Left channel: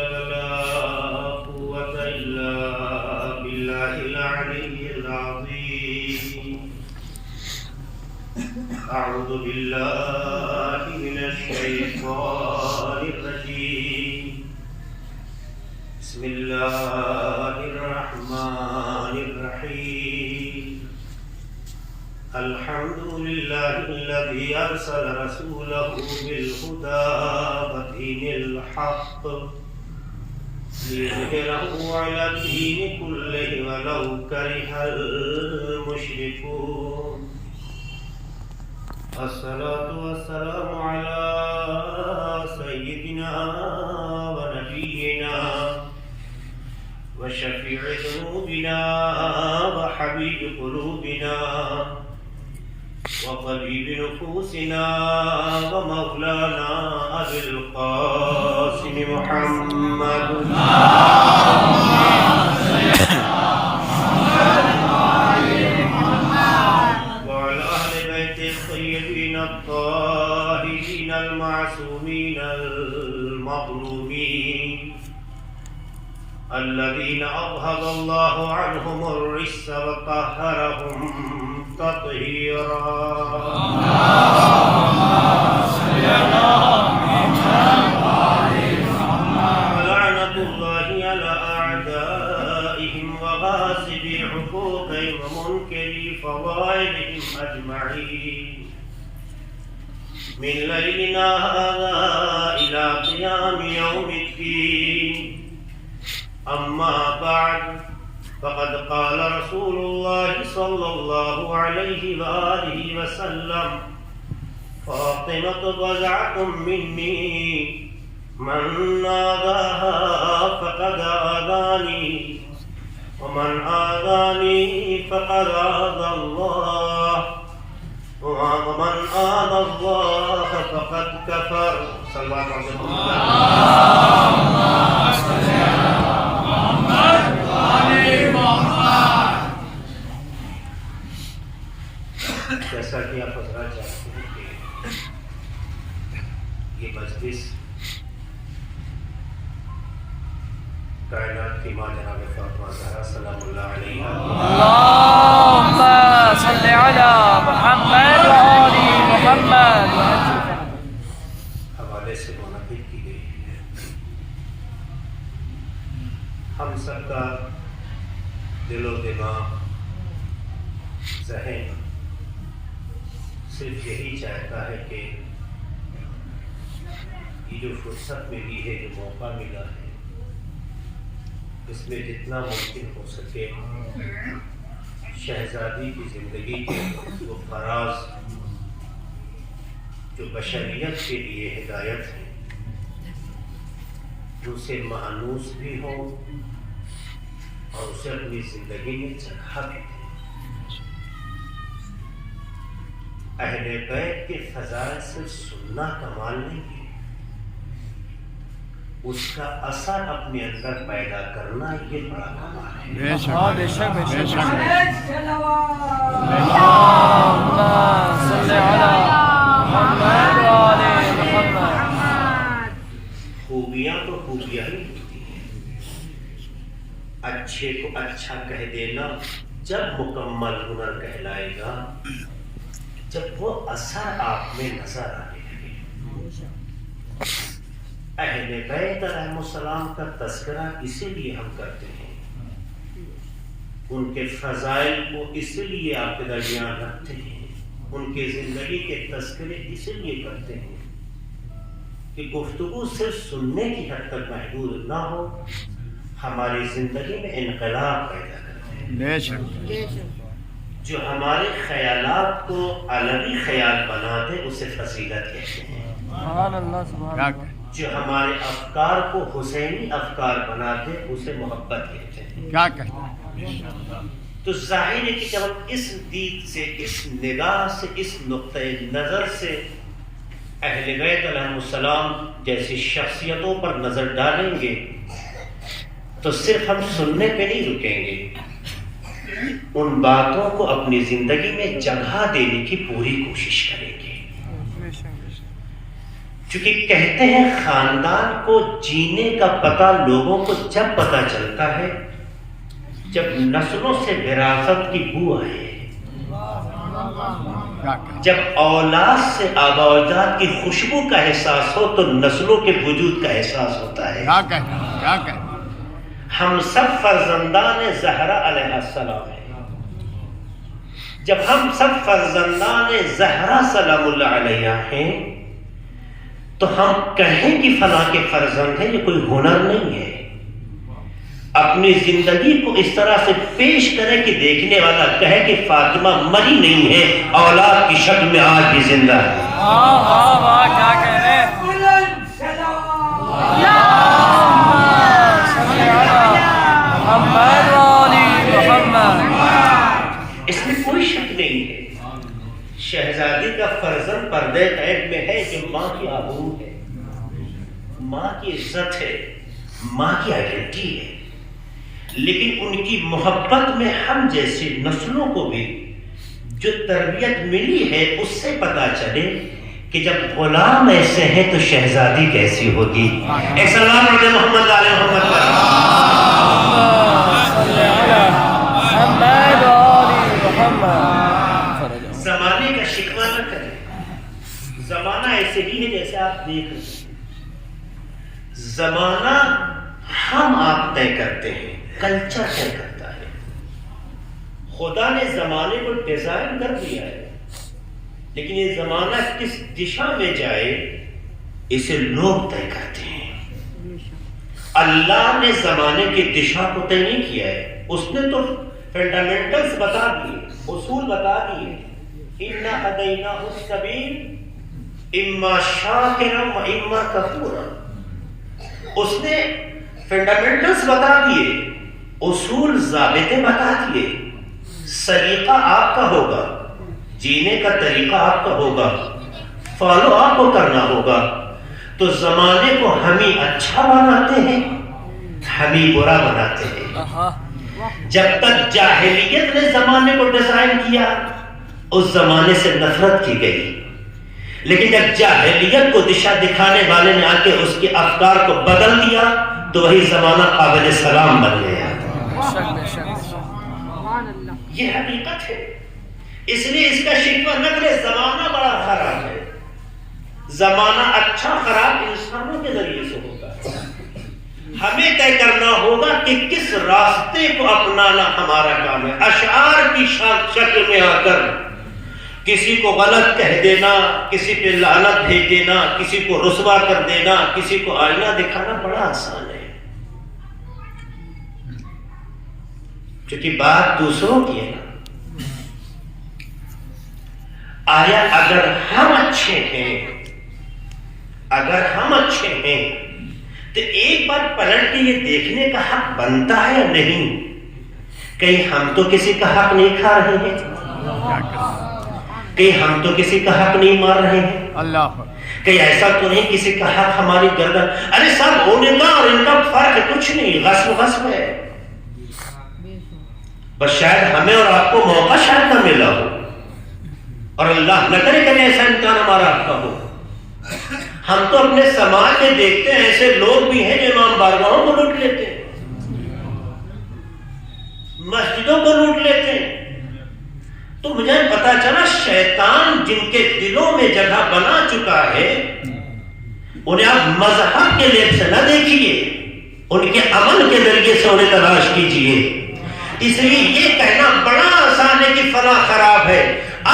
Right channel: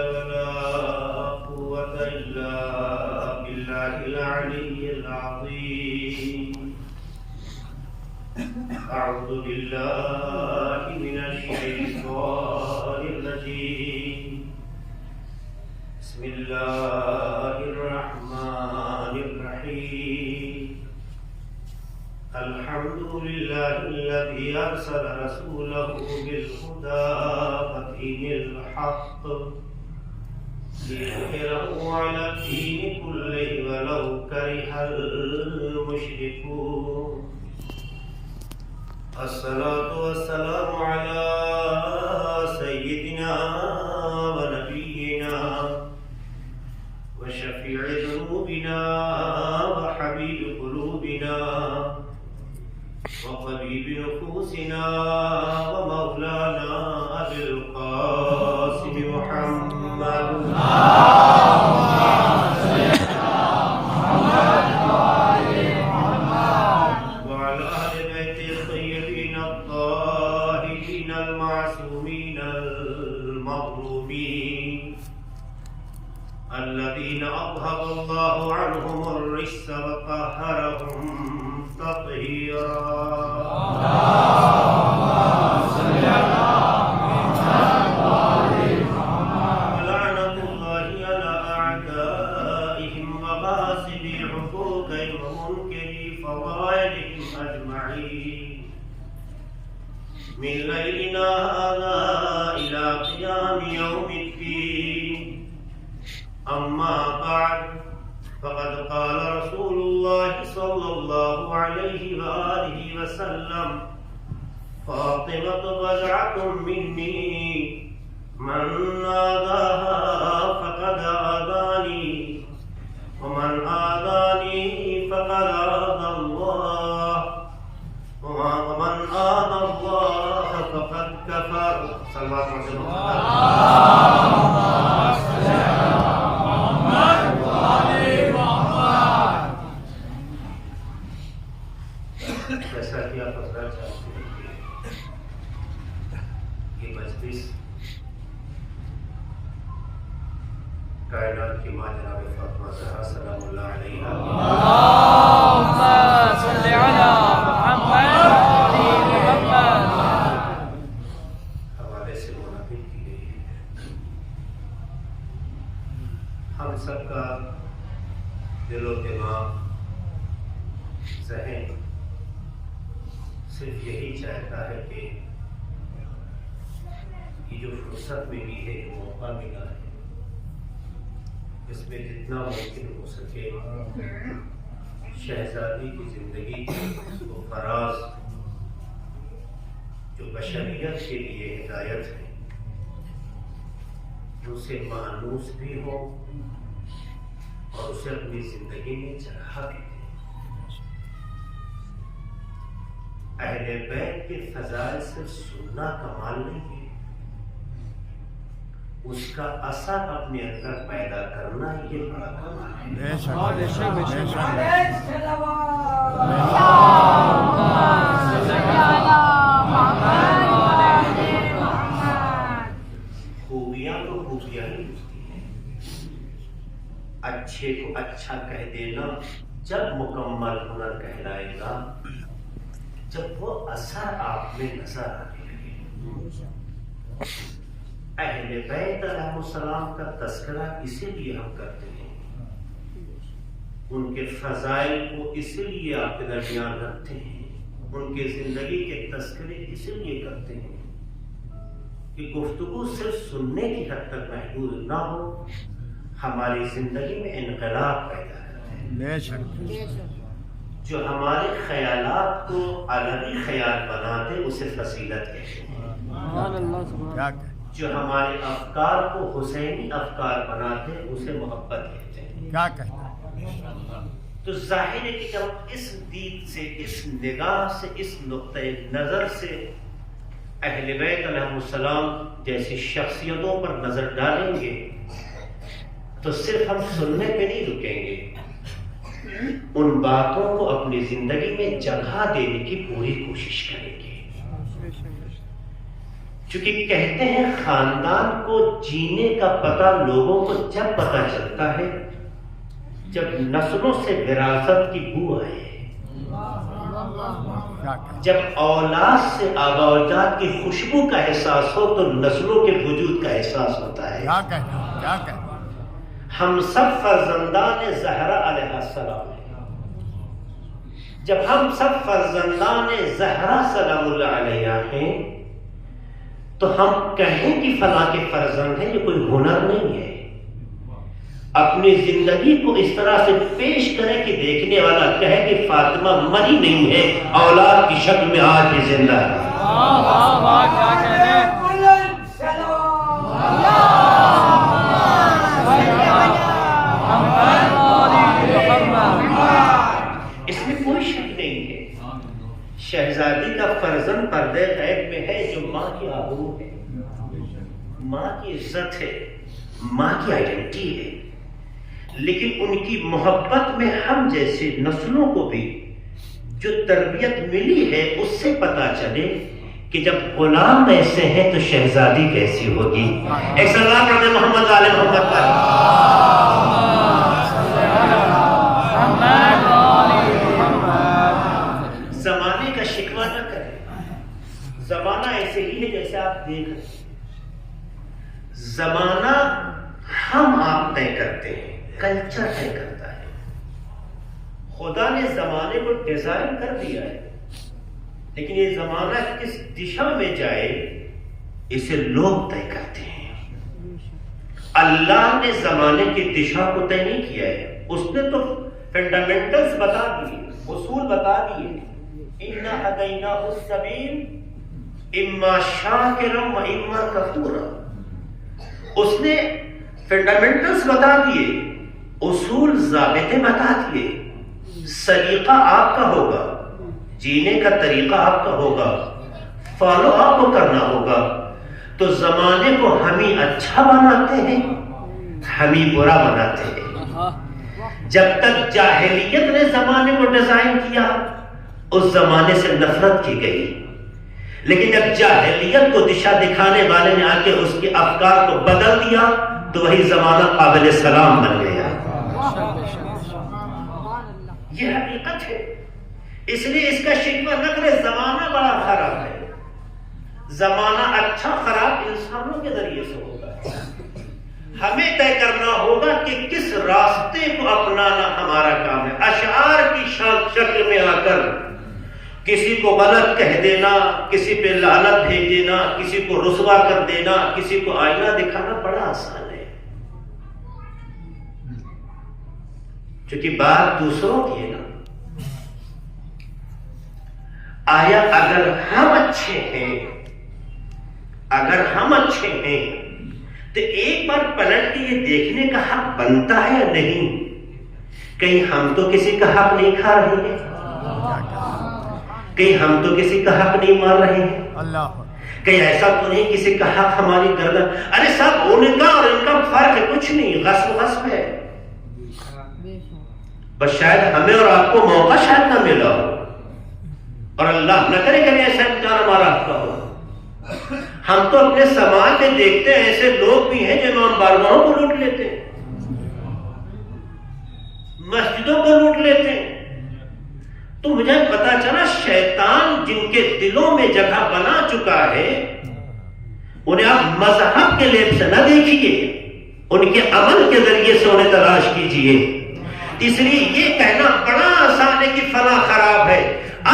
ولا قوة إلا بالله العلي العظيم. أعوذ بالله من الشيطان الرجيم. بسم الله الرحمن الرحيم. الحمد لله الذي أرسل رسوله بالهدى ودين الحق ليظهره على الدين كله ولو كره المشركون. الصلاة والسلام على سيدنا ونبينا وشفيع ذنوبنا وحبيب قلوبنا وطبيب نفوسنا ومولانا أبي القاسم محمد وعلى أهل بيت الطيبين الطاهرين المعصومين المظلومين الذين أذهب الله عنهم الرجس وطهرهم تطهيرا. ولعنة الله على أعدائهم وغاصبي حقوقهم ومنكري فضائلهم أجمعين من ليلنا هذا إلى قيام يوم الدين. أما بعد فقد قال رسول الله صلى الله عليه وآله وسلم: فاطمة بضعة مني من آذاها فقد آذاني ومن آذاني فقد آذى الله ومن آذى الله فقد كفر. صلى الله عليه وسلم. جیسا کہ آپ بتانا چاہتے ہیں کہ یہ مجلس کائنات کی ماں جناب فاطمہ زہرا سلام اللہ علیہا اللہم صل علی محمد حوالے سے منعقد کی گئی ہے. ہم سب کا دل و دماغ ذہن صرف یہی چاہتا ہے کہ یہ جو فرصت ملی ہے، جو موقع ملا ہے، اس میں جتنا ممکن ہو سکے شہزادی کی زندگی کے وہ فراز جو بشریت کے لیے ہدایت ہے، جو اسے مانوس بھی ہو اور اسے اپنی زندگی میں چڑھا بھی دے. اہل بیت کے فضائل سے سننا کمال نہیں، اس کا اثر اپنے اندر پیدا کرنا یہ بڑا کمال ہے. خوبیاں تو خوبیاں ہی ہوتی ہیں. اچھے کو اچھا کہہ دینا جب مکمل ہنر کہلائے گا، جب وہ اثر آپ میں نظر آنے لگے. اہل بیت علیہ السلام کا تذکرہ اسی لیے ہم کرتے ہیں، ان کے فضائل کو اسی لیے آپ کے درمیان رکھتے ہیں، ان کی زندگی کے تذکرے اسی لیے کرتے ہیں کہ گفتگو صرف سننے کی حد تک محدود نہ ہو، ہماری زندگی میں انقلاب پیدا کرے. جو ہمارے خیالات کو الگی خیال بنا دے اسے فضیلت کہتے ہیں. جو ہمارے افکار کو حسینی افکار بنا دے اسے محبت کہتے ہیں. تو ظاہر ہے کہ جب اس دید سے، اس نگاہ سے، اس نقطۂ نظر سے اہل بیت علیہ السلام جیسی شخصیتوں پر نظر ڈالیں گے تو صرف ہم سننے پہ نہیں رکیں گے، ان باتوں کو اپنی زندگی میں جگہ دینے کی پوری کوشش کریں گے. چونکہ کہتے ہیں خاندان کو جینے کا پتہ لوگوں کو جب پتہ چلتا ہے جب نسلوں سے وراثت کی بو آئے، جب اولاد سے آباء و اجداد کی خوشبو کا احساس ہو تو نسلوں کے وجود کا احساس ہوتا ہے۔ کیا کہ ہم سب فرزندان زہرا علیہ السلام ہیں۔ جب ہم سب فرزندان زہرا سلام اللہ علیہ ہیں تو ہم کہیں کہ فلاں کے فرزند ہیں، یہ کوئی ہنر نہیں ہے۔ اپنی زندگی کو اس طرح سے پیش کرے کہ دیکھنے والا کہے کہ فاطمہ مری نہیں ہے، اولاد کی شکل میں آج بھی زندہ ہے۔ اس میں کوئی شک نہیں ہے، شہزادی کا فرزند پردے غیب میں ہے جو ماں کی آبرو ہے، ماں کی عزت ہے، ماں کی آئیڈینٹی ہے، لیکن ان کی محبت میں ہم جیسی نسلوں کو بھی جو تربیت ملی ہے اس سے پتہ چلے کہ جب غلام ایسے ہیں تو شہزادی کیسی ہوگی۔ ایک سلام علیہ محمد علیہ محمد زمانے کا شکوہ نہ کریں، زمانہ ایسے ہی ہے جیسے آپ دیکھ رہے ہیں، زمانہ ہم آپ طے کرتے ہیں، کلچر طے کرتا ہے۔ خدا نے زمانے کو ڈیزائن کر دیا ہے، لیکن یہ زمانہ کس دشا میں جائے اسے لوگ طے کرتے ہیں۔ اللہ نے زمانے کی دشا کو طے نہیں کیا ہے، اس نے تو فنڈامنٹلز بتا دیے، اصول بتا دیے۔ اِنَّا هَدَيْنَاهُ السَّبِيلَ إِمَّا شَاكِرًا وَإِمَّا كَفُورًا۔ اس نے فنڈامنٹلز بتا دیے، اصول ضابطے بتا دیے، سلیقہ آپ کا ہوگا، جینے کا طریقہ آپ کا ہوگا، فالو آپ کو کرنا ہوگا۔ تو زمانے کو ہم ہی اچھا بناتے ہیں، ہم ہی برا بناتے ہیں۔ جب تک جاہلیت نے زمانے کو ڈیزائن کیا اس زمانے سے نفرت کی گئی، لیکن جب جاہلیت کو دشا دکھانے والے نے آ کے اس کے افکار کو بدل دیا تو وہی زمانہ قابل سلام بن گیا۔ یہ حقیقت ہے، اس لیے اس کا شکوہ نہ کرے۔ زمانہ بڑا خراب ہے، زمانہ اچھا خراب انسانوں کے ذریعے سے ہوگا۔ ہمیں طے کرنا ہوگا کہ کس راستے کو اپنانا ہمارا کام ہے۔ اشعار کی شکل میں آ کر کسی کو غلط کہہ دینا، کسی پہ لعنت بھیج دینا، کسی کو رسوا کر دینا، کسی کو آئینہ دکھانا بڑا آسان ہے، کیونکہ بات دوسروں کی ہے نا۔ آیا اگر ہم اچھے ہیں تو ایک بار پلٹ کے یہ دیکھنے کا حق بنتا ہے یا نہیں، کہیں ہم تو کسی کا حق نہیں کھا رہے ہیں، کہیں ہم تو کسی کا حق نہیں مار رہے ہیں، اللہ کہیں ایسا تو نہیں کسی کا حق ہماری گردن۔ ارے صاحب ان کا اور ان کا فرق کچھ نہیں، غصب ہے، بس شاید ہمیں اور آپ کو موقع شاید نہ ملا ہو، اور اللہ نہ کرے کہ ایسا امتحان ہمارا حق کا ہو۔ ہم تو اپنے سماج میں دیکھتے ہیں ایسے لوگ بھی ہیں جو امام بارگاہوں کو لوٹ لیتے ہیں، مسجدوں کو لوٹ لیتے ہیں۔ تو مجھے پتا چلا شیطان جن کے دلوں میں جگہ بنا چکا ہے انہیں آپ مذہب کے لیے سے نہ دیکھیے، ان کے عمل کے ذریعے سے انہیں تلاش کیجیے۔ اس لیے یہ کہنا بڑا آسان ہے کہ فلاں خراب ہے،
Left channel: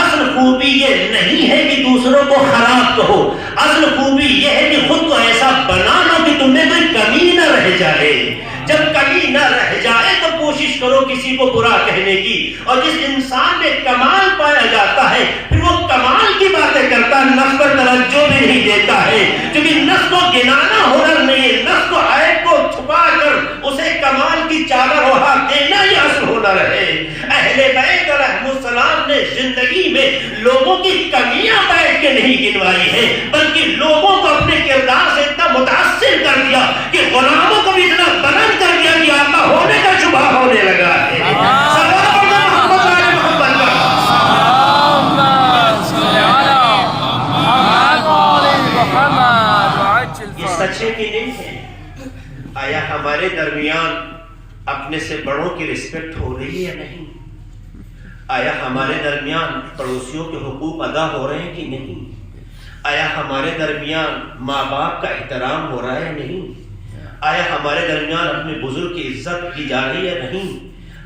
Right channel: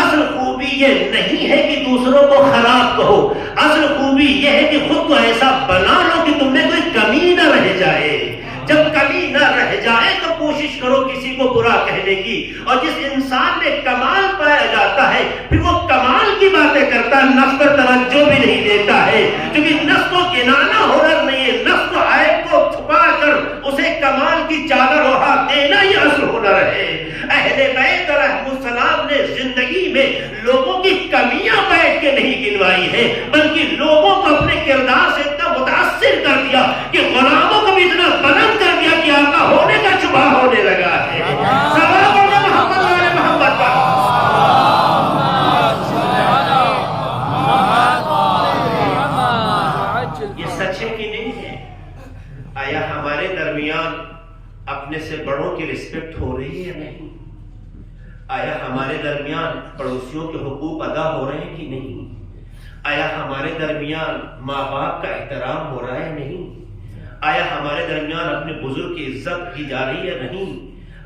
اصل خوبی یہ نہیں ہے کہ دوسروں کو خراب کہو، اصل خوبی یہ ہے کہ خود کو ایسا بنا لو کہ تم میں کوئی کمی نہ رہ جائے۔ جب کمی نہ رہ جائے تو کوشش کرو کسی کو برا کہنے کی، اور جس انسان میں کمال پایا جاتا ہے پھر وہ کمال کی باتیں کرتا ہے، نفس پر توجہ بھی نہیں دیتا ہے، کیونکہ نفس کو گنانا ہنر نہیں ہے، نفس کو عیب کو چھپا کر اسے کمال کی چادر اوڑھا دینا ہی اصل ہنر ہے۔ اہل بیت علیہ السلام نے زندگی میں لوگوں کی کمیاں بیٹھ کے نہیں گنوائی ہیں، بلکہ لوگوں کو اپنے کردار سے اتنا متاثر کر دیا کہ غلاموں کو بھی اتنا بلند کر دیا کہ آقا ہونے کا شبہ ہونے لگا ہے۔ آیا ہمارے درمیان اپنے سے بڑوں کی رسپیکٹ ہو رہی ہے یا نہیں؟ آیا ہمارے درمیان پڑوسیوں کے حقوق ادا ہو رہے ہیں کہ نہیں؟ آیا ہمارے درمیان ماں باپ کا احترام ہو رہا ہے یا نہیں؟ آیا ہمارے درمیان اپنے بزرگ کی عزت کی جا رہی ہے یا نہیں؟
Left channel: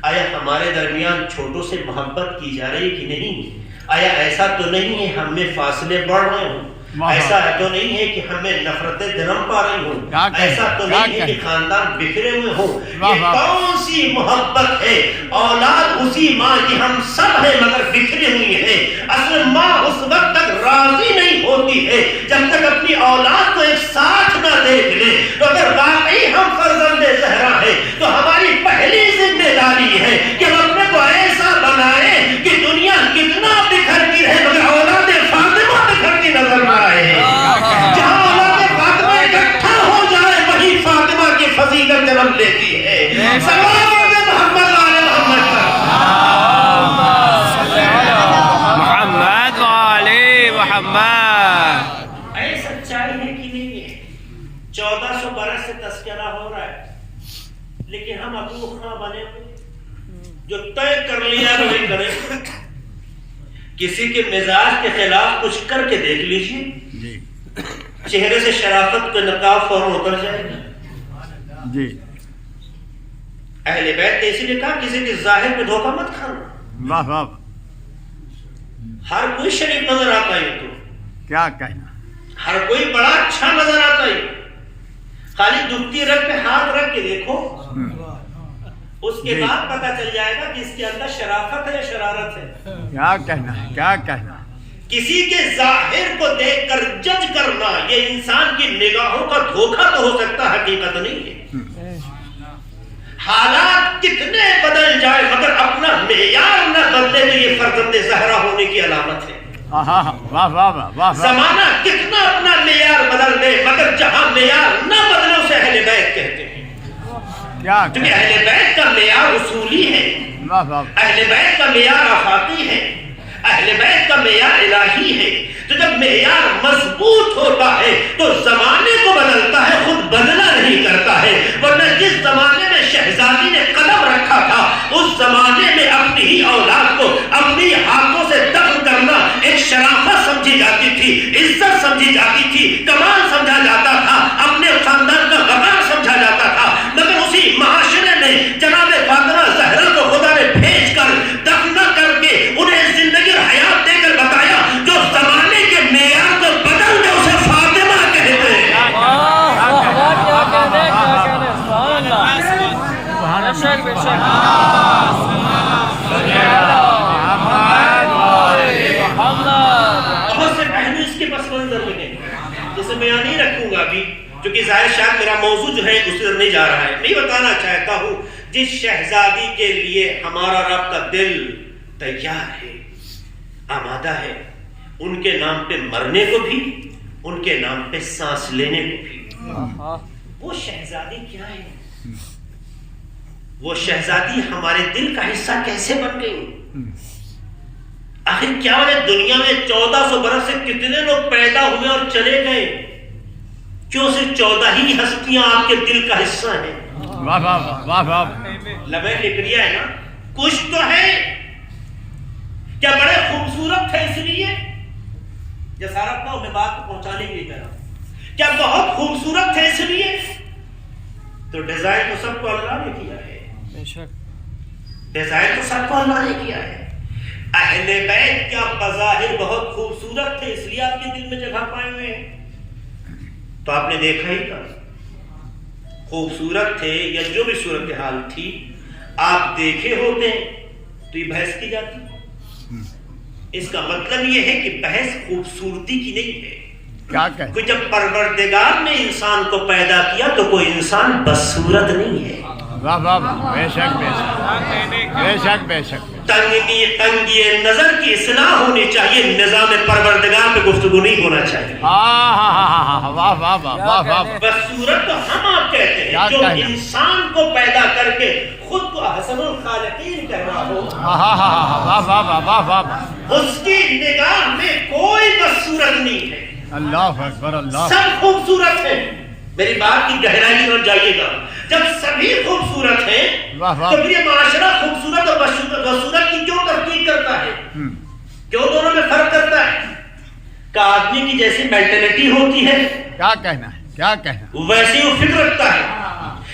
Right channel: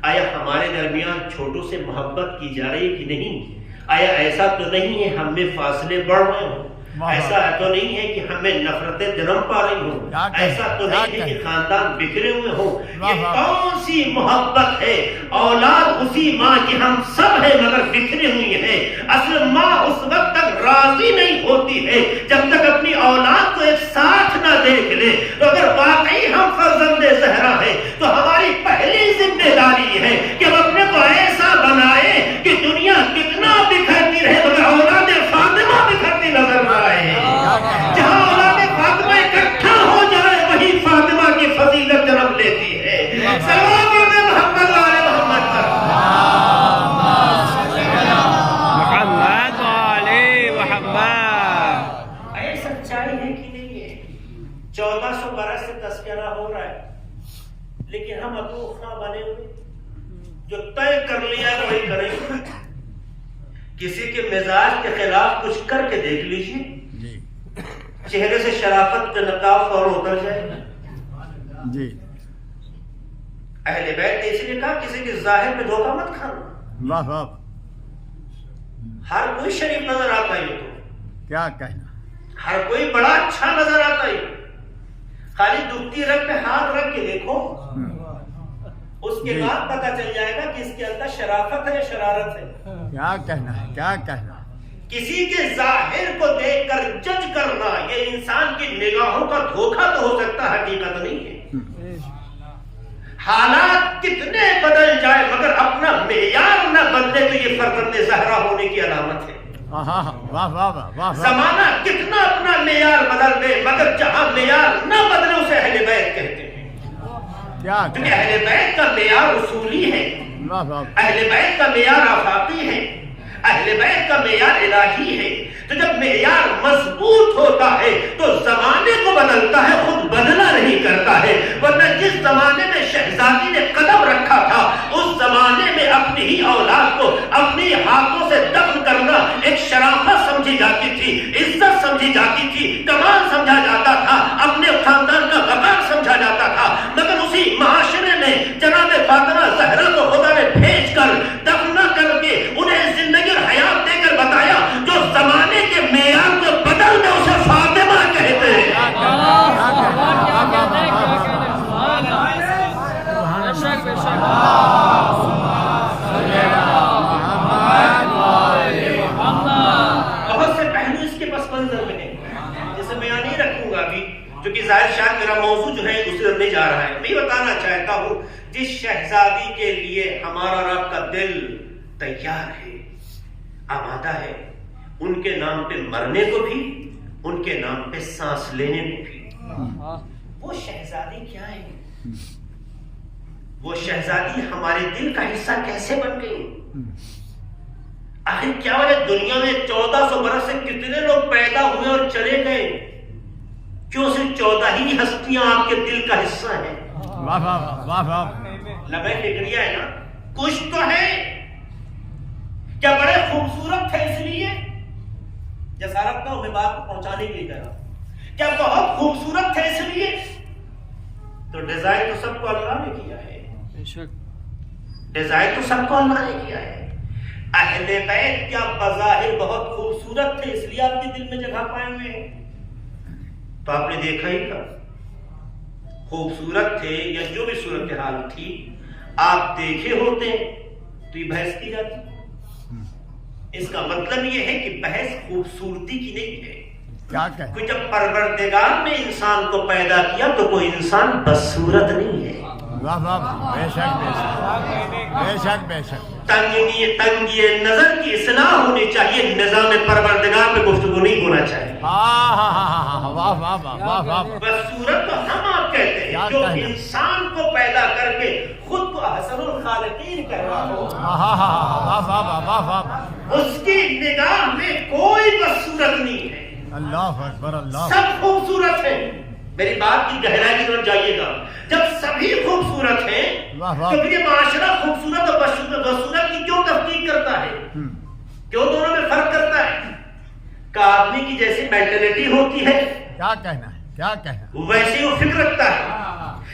آیا ہمارے درمیان چھوٹوں سے محبت کی جا رہی ہے کہ نہیں؟ آیا ایسا تو نہیں ہے ہم میں فاصلے بڑھ رہے ہوں؟ ایسا تو نہیں ہے کہ ہمیں نفرتیں جنم پا رہی ہوں؟ ایسا تو نہیں ہے کہ خاندان بکھرے ہوئے ہوں؟ یہ کون سی محبت ہے؟ اولاد اسی ماں کی ہم سب ہیں مگر بکھرے ہوئی ہیں۔ اصل ماں اس وقت تک راضی نہیں ہوتی ہے جب تک اپنی اولاد کو ایک ساتھ نہ دیکھ لے۔ تو اگر واقعی ہم فرزند زہرا ہیں تو ہماری پہلی ذمہ داری ہے کہ ہم اپنے کو ایسا بنائے کہ دنیا کتنا بکھرتی رہے مگر اولاد فاطمہ بکھرتی نظر نہ آئے۔ جہاں اولاد فاطمہ اکٹھا ہو جائے وہی فاطمہ کی فضیلت جنم لیتی ہے۔ محمد وعلی محمد۔ اے سچائی ہے کہ نہیں ہے؟ 1400 برس سے تذکرہ ہو رہا ہے لیکن ہم ابو خاں بنے ہوئے جو طے کر لیا وہی کرے۔ کسی کے مزاج کے خلاف کچھ کر کے دیکھ لیجیے، چہرے سے شرافت کا نقاب فوراً اتر جائے گا۔ جی اہل بیت نے اسی لیے کہا کسی کے ظاہر پہ دھوکہ مت کھانا۔ واہ واہ، ہر کوئی شریف نظر آتا ہے تو کیا کہنا، ہر کوئی بڑا اچھا نظر آتا ہے، خالی دکھتی رگ پہ ہاتھ رکھ کے دیکھو، اس کے بعد پتہ چل جائے گا کہ اس کے اندر شرافت ہے یا شرارت ہے۔ کیا کہنا ہے، کیا کہنا۔ کسی کے ظاہر کو دیکھ کر جج کرنا یہ انسان کی نگاہوں کا دھوکہ تو ہو سکتا ہے، حقیقت نہیں ہے۔ حالات کتنے بدل جائے مگر اپنا معیار نہ بدلے تو یہ فرزند زہرا ہونے کی علامت ہے۔ واہ واہ واہ واہ، زمانہ کتنا اپنا معیار بدل دے مگر جہاں معیار نہ بدلے اسے اہل بیت کہتے ہیں، کیا کیونکہ اہل بیت کا معیار اصولی ہے، واہ واہ، اہل بیت کا معیار آفاقی ہے، اہل بیت کا معیار الہی ہے۔ تو جب معیار مضبوط ہوتا ہے تو زمانے کو بدلتا ہے، خود بدلا نہیں کرتا ہے۔ ورنہ جس زمانے میں شہزادی نے قدم رکھا تھا اس زمانے میں اپنی ہی اولاد کو اپنی ہاتھوں سے دفن کرنا ایک شرافت سمجھی جاتی تھی، عزت سمجھی جاتی تھی، کمال سمجھا جاتا تھا، اپنے خاندان کا وقار سمجھا جاتا تھا۔ مگر اسی معاشرے نے جناب فاطمہ زہرا کو خدا نے بھیج کر دفن کر کے انہیں زندگی اور حیات دے کر بتایا جو زمانے کے معیار کو بدل دے اسے فاطمہ کہتے ہیں۔ بہت سے پہلو اس کے پس منظر میں ہیں جسے بیان نہیں رکھوں گا ابھی کیونکہ ظاہر شاید میرا موضوع جو ہے اس طرف نہیں جا رہا ہے۔ میں بتانا چاہتا ہوں جس شہزادی کے لیے ہمارا رب کا دل تیار ہے، آمادہ ہے، ان کے نام پہ مرنے کو بھی، ان کے نام پہ سانس لینے کو بھی۔ وہ شہزادی کیا ہے؟ وہ شہزادی ہمارے دل کا حصہ کیسے بن گئی؟ آخر کیا وجہ دنیا میں 1400 برس سے کتنے لوگ پیدا ہوئے اور چلے گئے؟ کیوں صرف 14 ہی ہستیاں آپ کے دل کا حصہ ہیں؟ واہ واہ واہ واہ، لمحے لکڑیا ہے نا، کچھ تو ہے۔ کیا بڑے خوبصورت تھے اس لیے؟ جسارت کا میں بات کو پہنچانے کے لیے کہہ رہا ہوں، کیا بہت خوبصورت تھے اس لیے؟ تو ڈیزائن تو سب کو اللہ نے کیا ہے، ڈیزائن تو سب کو اللہ نے کیا ہے۔ اہل بیت کیا بظاہر بہت خوبصورت تھے اس لیے آپ کے دل میں جگہ پائے ہوئے ہیں؟ تو آپ نے دیکھا ہی تھا، خوبصورت تھے یا جو بھی صورتحال تھی آپ دیکھے ہوتے تو یہ بحث کی جاتی۔ اس کا مطلب یہ ہے کہ بحث خوبصورتی کی نہیں ہے۔ کیا کہ کوئی جب پروردگار نے انسان کو پیدا کیا تو کوئی انسان بدصورت نہیں ہے۔ واہ واہ واہ، بے شک بے شک بے شک بے شک، تنگی نظر کی اصلاح ہونی چاہیے، نظام پروردگار پہ گفتگو نہیں ہونا چاہیے۔ ہاں ہاں ہاں ہاں، واہ واہ واہ واہ واہ، بدصورت تو ہم آپ کہتے ہیں جو انسان کو پیدا کر کے خود کو احسن الخالقین کہہ رہا ہو، ہاں ہاں ہاں، واہ واہ واہ واہ واہ، اس کی نگاہ میں کوئی بدصورت نہیں ہے، اللہ اکبر، اللہ سب خوبصورت ہیں۔ میری بات کی گہرائی کی طرف جائیے گا. جب سبھی خوبصورت ہیں تو پھر یہ معاشرہ خوبصورت اور بدصورت کی کیوں تفریق کرتا ہے؟ کیوں دونوں میں فرق کرتا ہے؟ کہ آدمی کی جیسی مینٹلٹی ہوتی ہے کیا کہنا ہے، کیا کہنا، ویسی وہ فکر رکھتا ہے.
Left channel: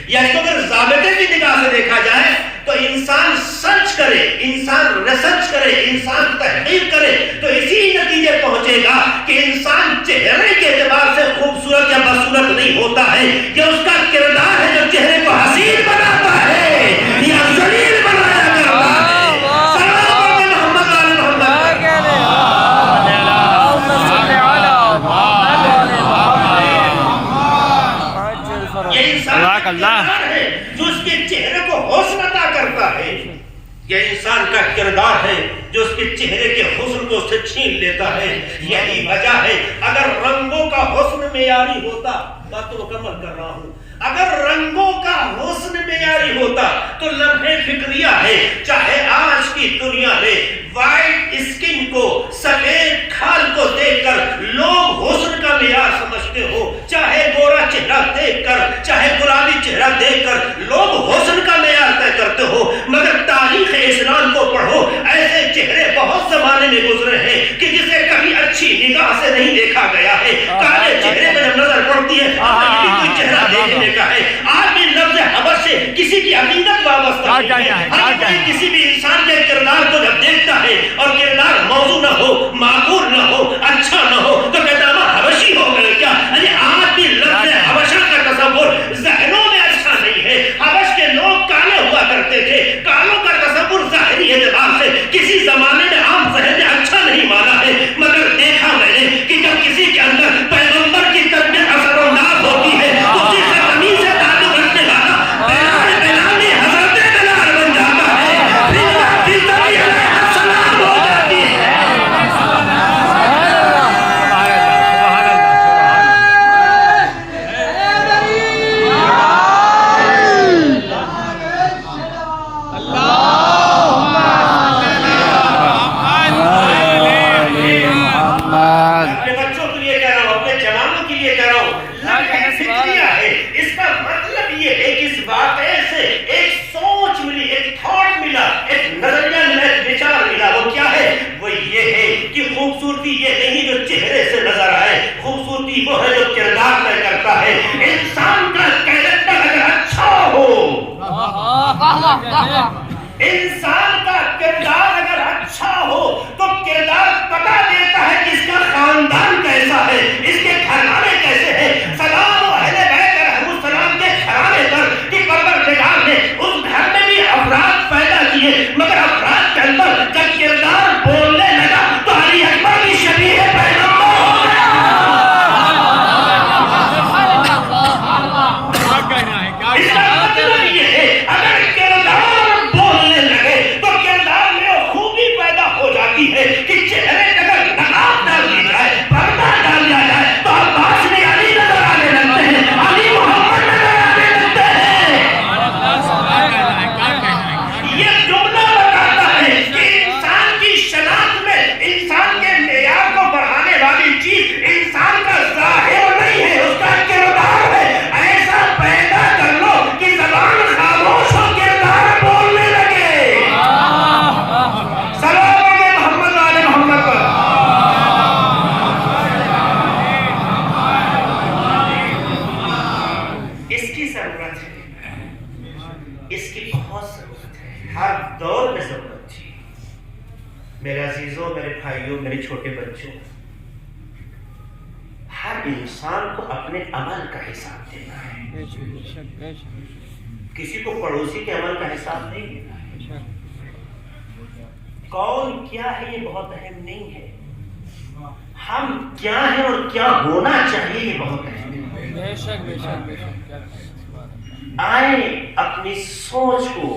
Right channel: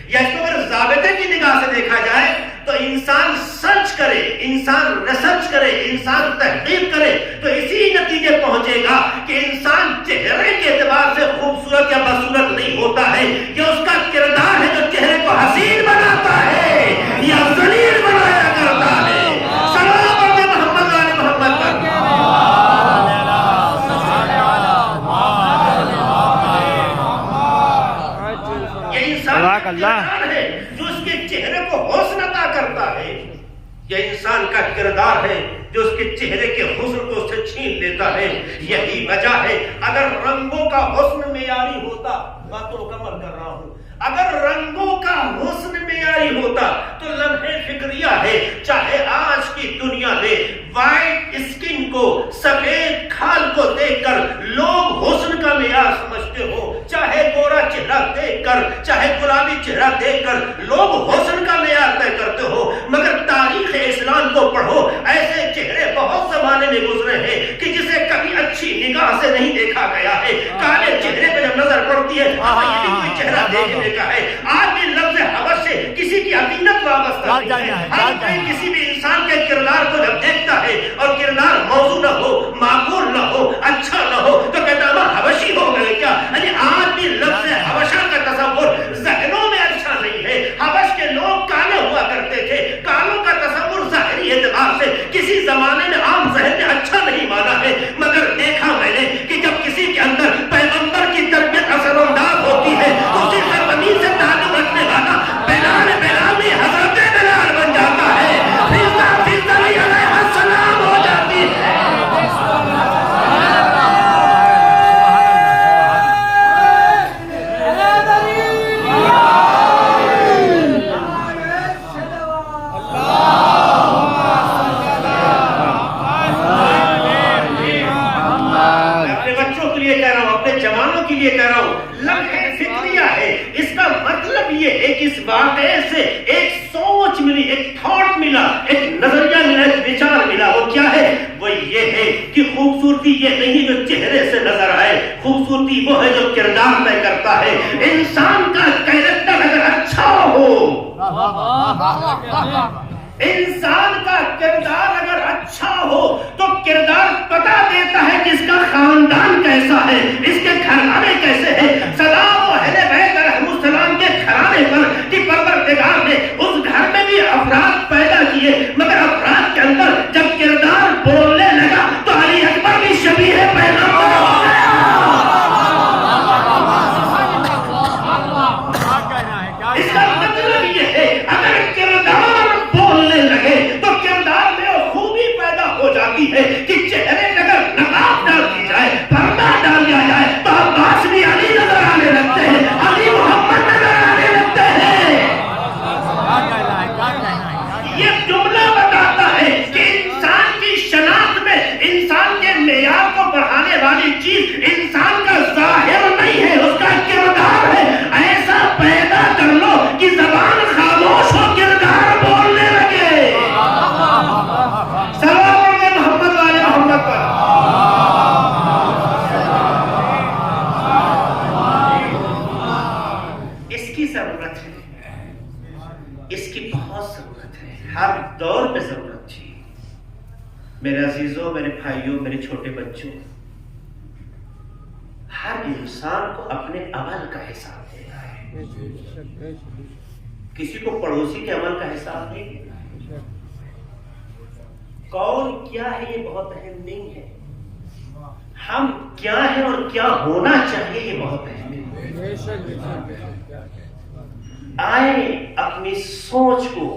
یا اس کو اگر ضابطے کی نگاہ سے دیکھا جائے تو انسان سرچ کرے، انسان ریسرچ کرے، انسان تحقیق کرے تو اسی نتیجے پہنچے گا کہ انسان چہرے کے اعتبار سے خوبصورت یا بدصورت نہیں ہوتا ہے. یہ اس کا کردار ہے جو چہرے کو حسین بناتا ہے یا ذلیل بنایا کرتا ہے. سلام علیہ محمد علیہ محمد. یہ انسان اللہ ہے جو اس کے چہرے کو حسن عطا کرتا ہے. یہ انسان کا کردار ہے جو اس کے چہرے کے حسن کو اسے چھین لیتا ہے. یہی وجہ ہے اگر رنگوں کا حسن معیاری ہوتا، بات تو مکمل کر رہا ہوں، اگر رنگوں کا حسن معیاری ہوتا تو لمحے فکریہ ہے. چاہے آج کی دنیا میں وائٹ اسکن کو، سفید کھال کو دیکھ کر لوگ حسن کا معیار سمجھتے ہو، چاہے گورا چہرہ دیکھ کر، چاہے گلابی چہرہ دیکھ کر لوگ حسن کا معیار طے کرتے ہو، مگر تاریخ اسلام کو پڑھو، ایسے چہرے بہت زمانے میں گزرے ہیں کہ جسے کبھی اچھی نگاہ سے نہیں دیکھا گیا ہے. کالے چہرے پہ جب نظر پڑتی ہے کوئی چہرہ دیکھنے کا ہے. آج بھی لفظ حبش سے کسی کی عقیدت وابستہ نہیں ہے. کسی بھی انسان کے کردار کو جب دیکھتا ہے اور کردار موضوع نہ ہو، معقول نہ ہو، اچھا نہ ہو تو کہتا ہے حبشی ہو گئے کیا. آج بھی لفظ حبشہ کا تصور ذہنوں میں اچھا نہیں ہے. حبش کے لوگ کالے ہوا کرتے تھے. کالوں کا تصور ظاہری اعتبار سے کسی زمانے میں عام ذہن نے اچھا نہیں مانا ہے، مگر دیکھا میں نے کہ جب کسی کے اندر پیغمبر کی تربیت اثر و ناز ہوتی ہے اسی سے زمین سے تعلق رکھنے والا بلال حضرت بلال بن جاتا ہے. السلام ہو جاتی ہے. اپنے بچوں کے لیے کہہ رہا ہوں، اپنے جوانوں کے لیے کہہ رہا ہوں، لمحہ فکریہ ہے. اس کا مطلب یہ ہے کہ اس واقعے سے ایک سوچ ملی، ایک تھاٹ ملا، ایک نظریہ ملا، ایک وچار ملا. وہ کیا ہے؟ وہ یہ ہے کہ خوبصورتی یہ نہیں جو چہرے سے نظر آئے، خوبصورتی وہ ہے جو کردار طے کرتا ہے. انسان کا کریکٹر اگر اچھا ہو، انسان کا کردار اگر اچھا ہو تو کردار پتہ دیتا ہے کہ اس کا خاندان کیسا ہے، اس کے گھرانے کیسے ہیں. سلام و اہل بیت علیہ السلام کے گھرانے پر کہ پروردگار نے اس گھر میں بھی افراد پیدا کیے، مگر افراد کے اندر جب کردار بولنے لگا تو علی اکبر کی شبیہ پیدا ہو. اس کا مطلب یہ ہے اگر کردار بولنے لگے تو کردار میں خوبی پیدا ہو جاتی ہے کہ چہرے اگر نقاب ڈال دی جائے، پردہ ڈال دیا جائے تو عباس بن علی نظر آنے لگتے ہیں، علی محمد نظر آنے لگتے ہیں. یہ جملہ بتاتا ہے کہ انسان کی شناخت میں انسان کے معیار کو بڑھانے والی چیز انسان کا ظاہر نہیں ہے، اس کا کردار ہے. ایسا پیدا کر لو کہ زبان خاموش ہو، کردار بولنے لگے. سلام علیہ محمد علیہ محمد پر. اس کی ضرورت ہے، اس کی بہت ضرورت ہے، ہر دور میں ضرورت تھی. میرے عزیزوں، میرے بھائیوں، میرے چھوٹے بچوں، ہر انسان کو اپنے عمل کا حساب دینا ہے. کسی کو پڑوسی کے عمل کا حساب نہیں دینا ہے. کون کیا ہے یہ بہت اہم نہیں ہے، ہم کیا ہیں اور کیا ہونا چاہیے یہ بہت اہم ہے. آئے اپنی سوچ کو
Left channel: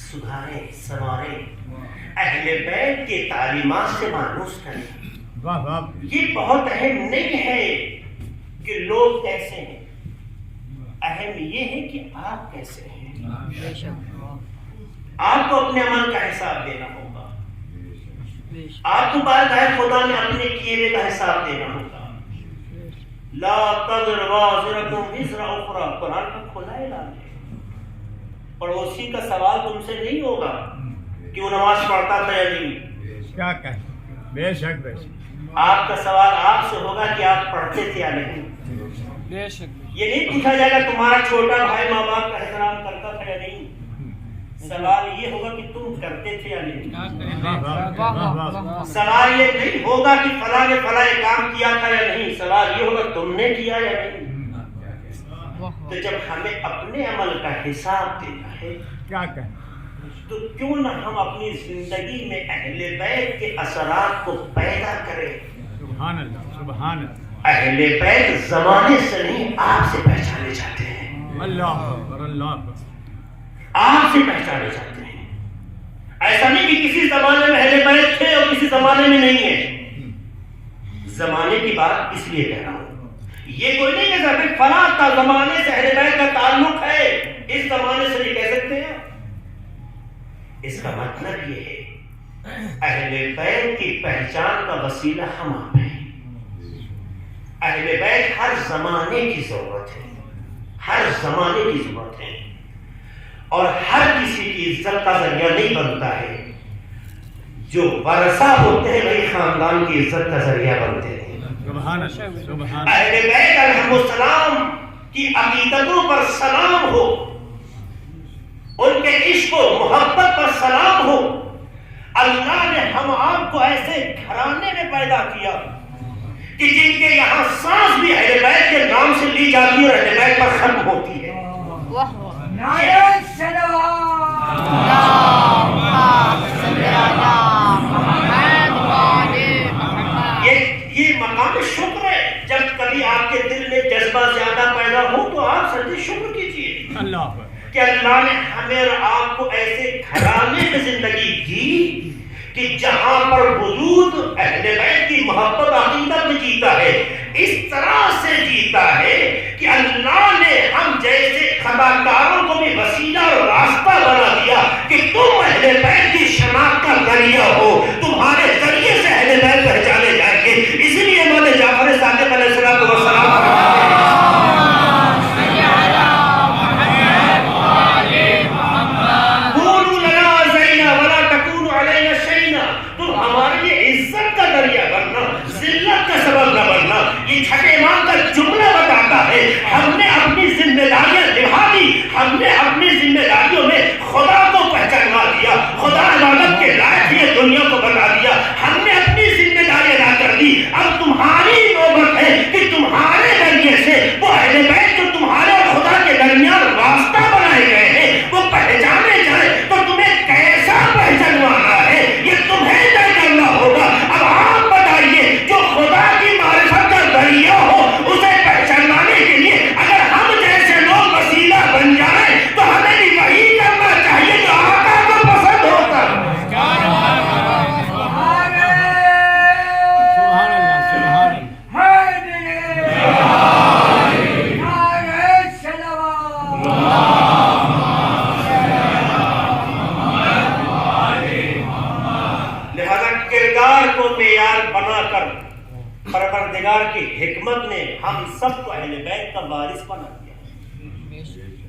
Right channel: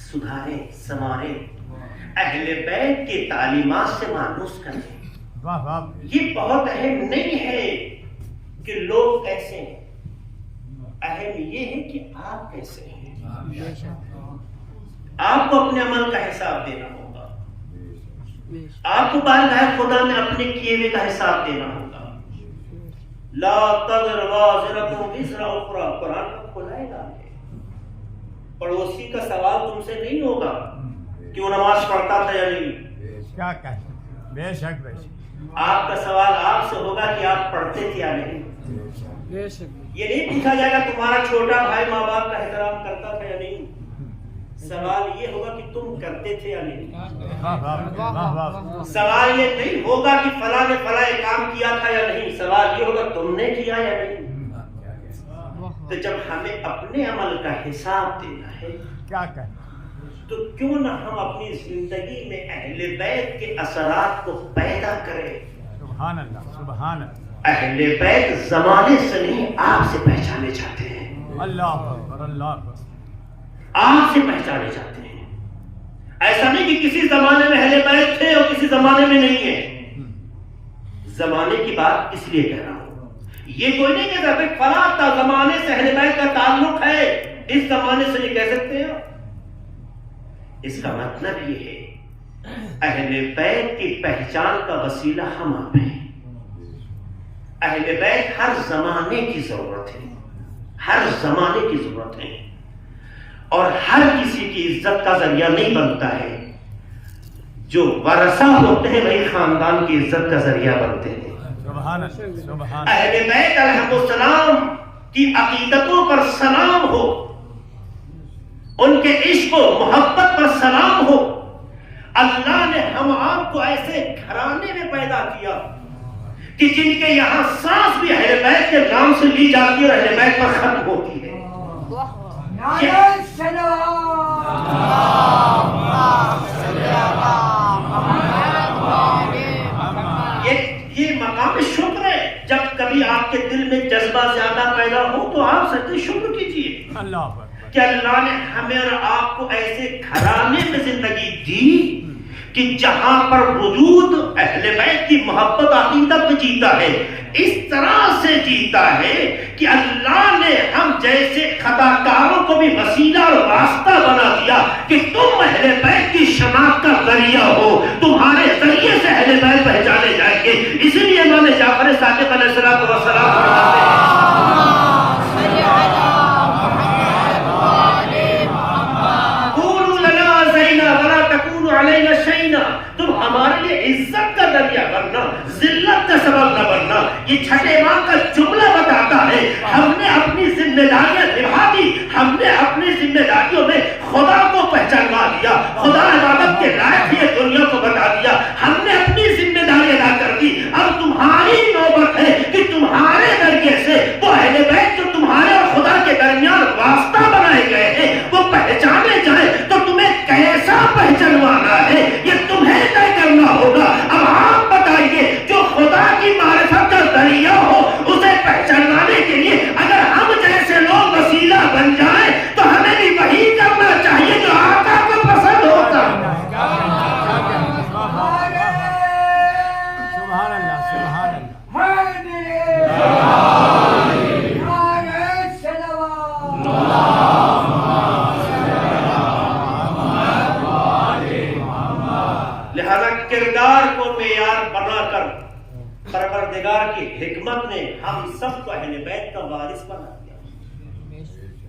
سدھارے، سنوارے، اہل بیت کے تعلیمات سے مانوس کریں. یہ بہت اہم نہیں ہے کہ لوگ کیسے ہیں، اہم یہ ہے کہ آپ کیسے ہیں. آپ کو اپنے عمل کا حساب دینا ہوگا، آپ کو بارگاہ خدا میں اپنے کیے ہوئے کا حساب دینا ہوگا. لا تزر وازرۃ وزر اخری، قرآن کا کھلا اعلان ہے۔ پڑوسی کا سوال تم سے نہیں ہوگا کہ وہ نماز پڑھتا تھا یا نہیں، کیا کہیں، بے شک بے شک، آپ کا سوال آپ سے ہوگا کہ آپ پڑھتے تھے یا نہیں۔ بے شک یہ نہیں پوچھا جائے گا تمہارا چھوٹا بھائی ماں باپ کا احترام کرتا تھا یا نہیں، سوال یہ ہوگا کہ تم کرتے تھے یا نہیں۔ سوال یہ نہیں ہوگا کہ فلاں نے فلاں کام کیا تھا یا نہیں، سوال یہ ہوگا تم نے کیا یا نہیں۔ تو جب ہمیں اپنے عمل کا حساب دینا ہے کیا کہیں، تو کیوں نہ ہم اپنی زندگی میں اہل بیت کے اثرات کو پیدا کریں۔ سبحان اللہ سبحان اللہ، اہل بیت زمانے سے نہیں آپ سے پہچانے جاتے ہیں، اللہ اکبر اللہ اکبر، آپ سے پہچانے جاتے ہیں۔ ایسا نہیں کہ کسی زمانے میں اہل بیت تھے اور کسی زمانے میں نہیں ہے۔ زمانے کی بات اس لیے کہہ رہا ہوں، یہ کوئی نہیں کہتا کہ فلاں کا زمانے سے اہل بیت کا تعلق ہے، اس زمانے سے نہیں کہہ سکتے ہیں۔ اس کا مطلب یہ ہے اہل بیت کی پہچان کا وسیلہ ہم آپ ہیں۔ اہل بیت ہر زمانے کی ضرورت ہے، ہر زمانے کی ضرورت ہے، اور ہر کسی کی عزت کا ذریعہ نہیں بنتا ہے۔ جو ورثہ ہوتے ہیں وہی خاندان کی عزت کا ذریعہ بنتے ہیں۔ سبحان اللہ سبحان اہل بیت علیہ السلام کی عقیدتوں پر سلام ہو، ان کے عشق و محبت پر سلام ہو۔ اللہ نے ہم آپ کو ایسے گھرانے میں پیدا کیا کہ جن کے یہاں سانس بھی اہل بیت کے نام سے لی جاتی ہے اور اہل بیت پر ختم ہوتی ہے۔ نعرہ سلام، یہ مقام شکر ہے۔ جب کبھی آپ کے دل میں جذبہ زیادہ پیدا ہو تو آپ سچے شکر کیجئے اللہ کہ اللہ نے ہمیں اور آپ کو ایسے گھرانے میں زندگی دی کہ جہاں پر وجود اہل بیت کی محبت عقیدت میں جیتا ہے، اس طرح سے جیتا ہے کہ اللہ نے ہم جیسے خطاکاروں کو بھی وسیلہ اور راستہ بنا دیا کہ تم اہل بیت کی شناخت کا ذریعہ ہو، تمہارے ذریعے سے اہل بیت پہچانے جائیں گے۔ اس لیے امام جعفر صادق علیہ السلام یہ چھٹے ماہ کا جملہ بتاتا ہے ہم نے اپنی ذمہ داریاں نبھا دی، ہم نے اپنی ذمہ داریوں میں خدا کو پہچانوا دیا، خدا عبادت کے لائق یہ دنیا کو بتا دیا، ہم نے اپنی ذمہ داری ادا کر دی۔ اب تمہاری نوبت ہے کہ تمہارے ذریعے سے وہ اہل بیت جو تمہارے اور خدا کے درمیان واسطہ بنائے گئے ہیں وہ پہچانے جائے، تو تمہیں کیسا پہچانوانا ہے یہ تمہیں طے کرنا ہوگا۔ اب آپ بتائیے جو خدا کی معرفت کا ذریعہ ہو اسے پہچانوانے کے لیے اگر ہم جیسے لوگ وسیلہ بن جائیں تو ہمیں بھی وہی کرنا چاہیے جو آقا کو پسند ہوتا۔ سبحان اللہ سبحان اللہ، لہذا کردار کو معیار بنا کر پروردگار کی حکمت نے ہم سب کو اہل بیت کا وارث بنا دیا۔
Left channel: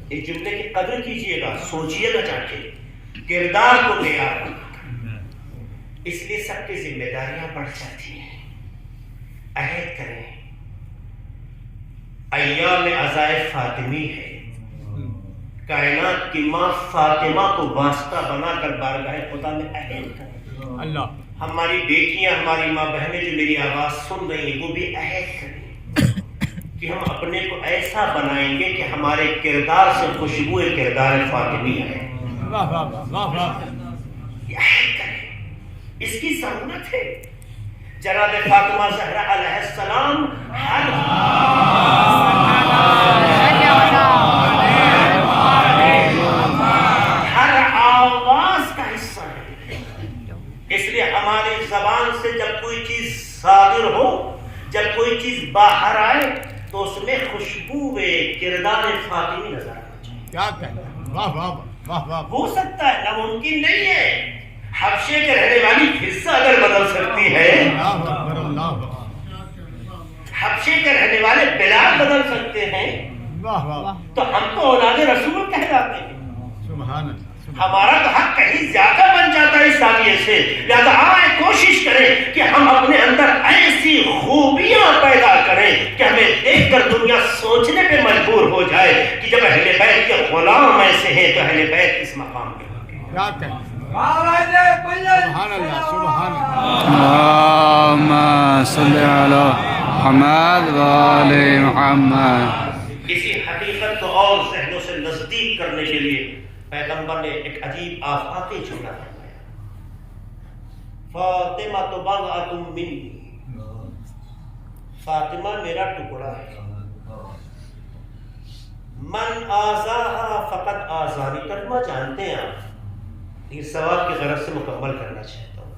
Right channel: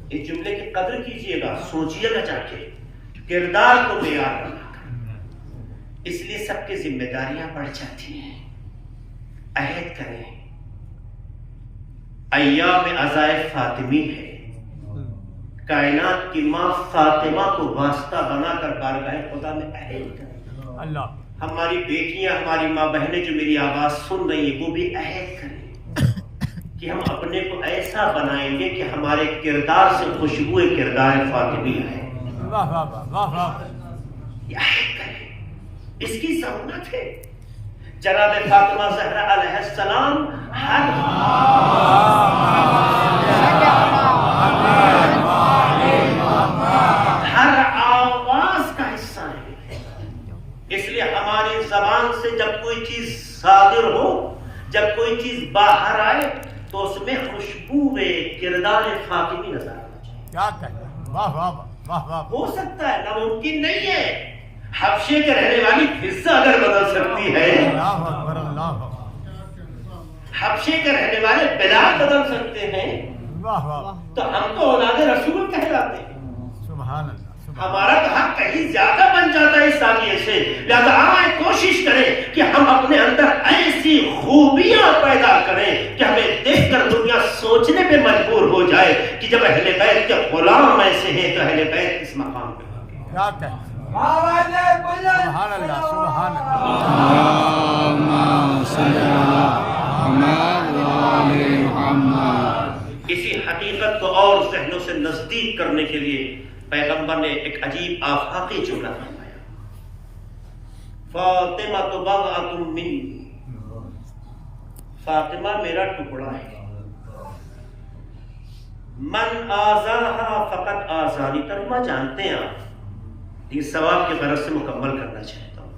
اس جملے کی قدر کیجئے گا، سوچئے نہ چاہ کے، کردار کو معیار بنا کر، اس لیے سب کی ذمہ داریاں بڑھ جاتی ہیں۔ عہد کریں، ایام عزائے فاطمی ہے، کائنات کی ماں فاطمہ کو واسطہ بنا کر بارگاہ خدا میں عہد کریں۔ اللہ ہماری بیٹیاں، ہماری ماں بہنیں جو میری آواز سن رہی ہیں وہ بھی عہد کریں کہ ہم اپنے کو ایسا بنائیں گے کہ ہمارے کردار سے خوشبو کردار فاطمی ہے۔ واہ واہ واہ واہ، یہ عہد کریں، اس کی ضرورت ہے۔ جناب فاطمہ زہرا علیہ السلام ہر آواز کا حصہ ہے، اس لیے ہماری زبان سے جب کوئی چیز صادر ہو، جب کوئی چیز باہر آئے تو اس میں خوشبو کردار فاطمی نظر آنا چاہیے۔ کیا کہیں، واہ واہ واہ واہ، ہو سکتا ہے، ناممکن نہیں ہے، حبشے کے رہنے والی فضا اگر بدل سکتی ہے، اللہ اکبر اللہ، حبشے کے رہنے والے بلال بدل سکتے ہیں واہ واہ تو ہم تو اولاد رسول کہلاتے ہیں. سبحان اللہ. ہمارا تو حق کہیں زیادہ بن جاتا ہے اس زاویے سے. لہذا آئے کوشش کریں کہ ہم اپنے اندر ایسی خوبیاں پیدا کریں کہ ہمیں دیکھ کر دنیا سوچنے پہ مجبور ہو جائے کہ جب اہل بیت کے غلام ایسے ہیں تو اہل بیت اس مقام پہ ہو گئے. کیا کہیں. سبحان اللہ. سبحان اللہ. اللهم صل على محمد وآل محمد. اسی حقیقت کو اور ذہنوں سے نزدیک کرنے کے لیے پیغمبر نے ایک عجیب آفاقی جملہ فرمایا. فاطمہ تو بضعۃ منی. فاطمہ میرا ٹکڑا ہے. من آزاہا فقط آزانی. ترجمہ جانتے ہیں آپ، یہ ثواب کی طرف سے مکمل کرنا چاہتا ہوں.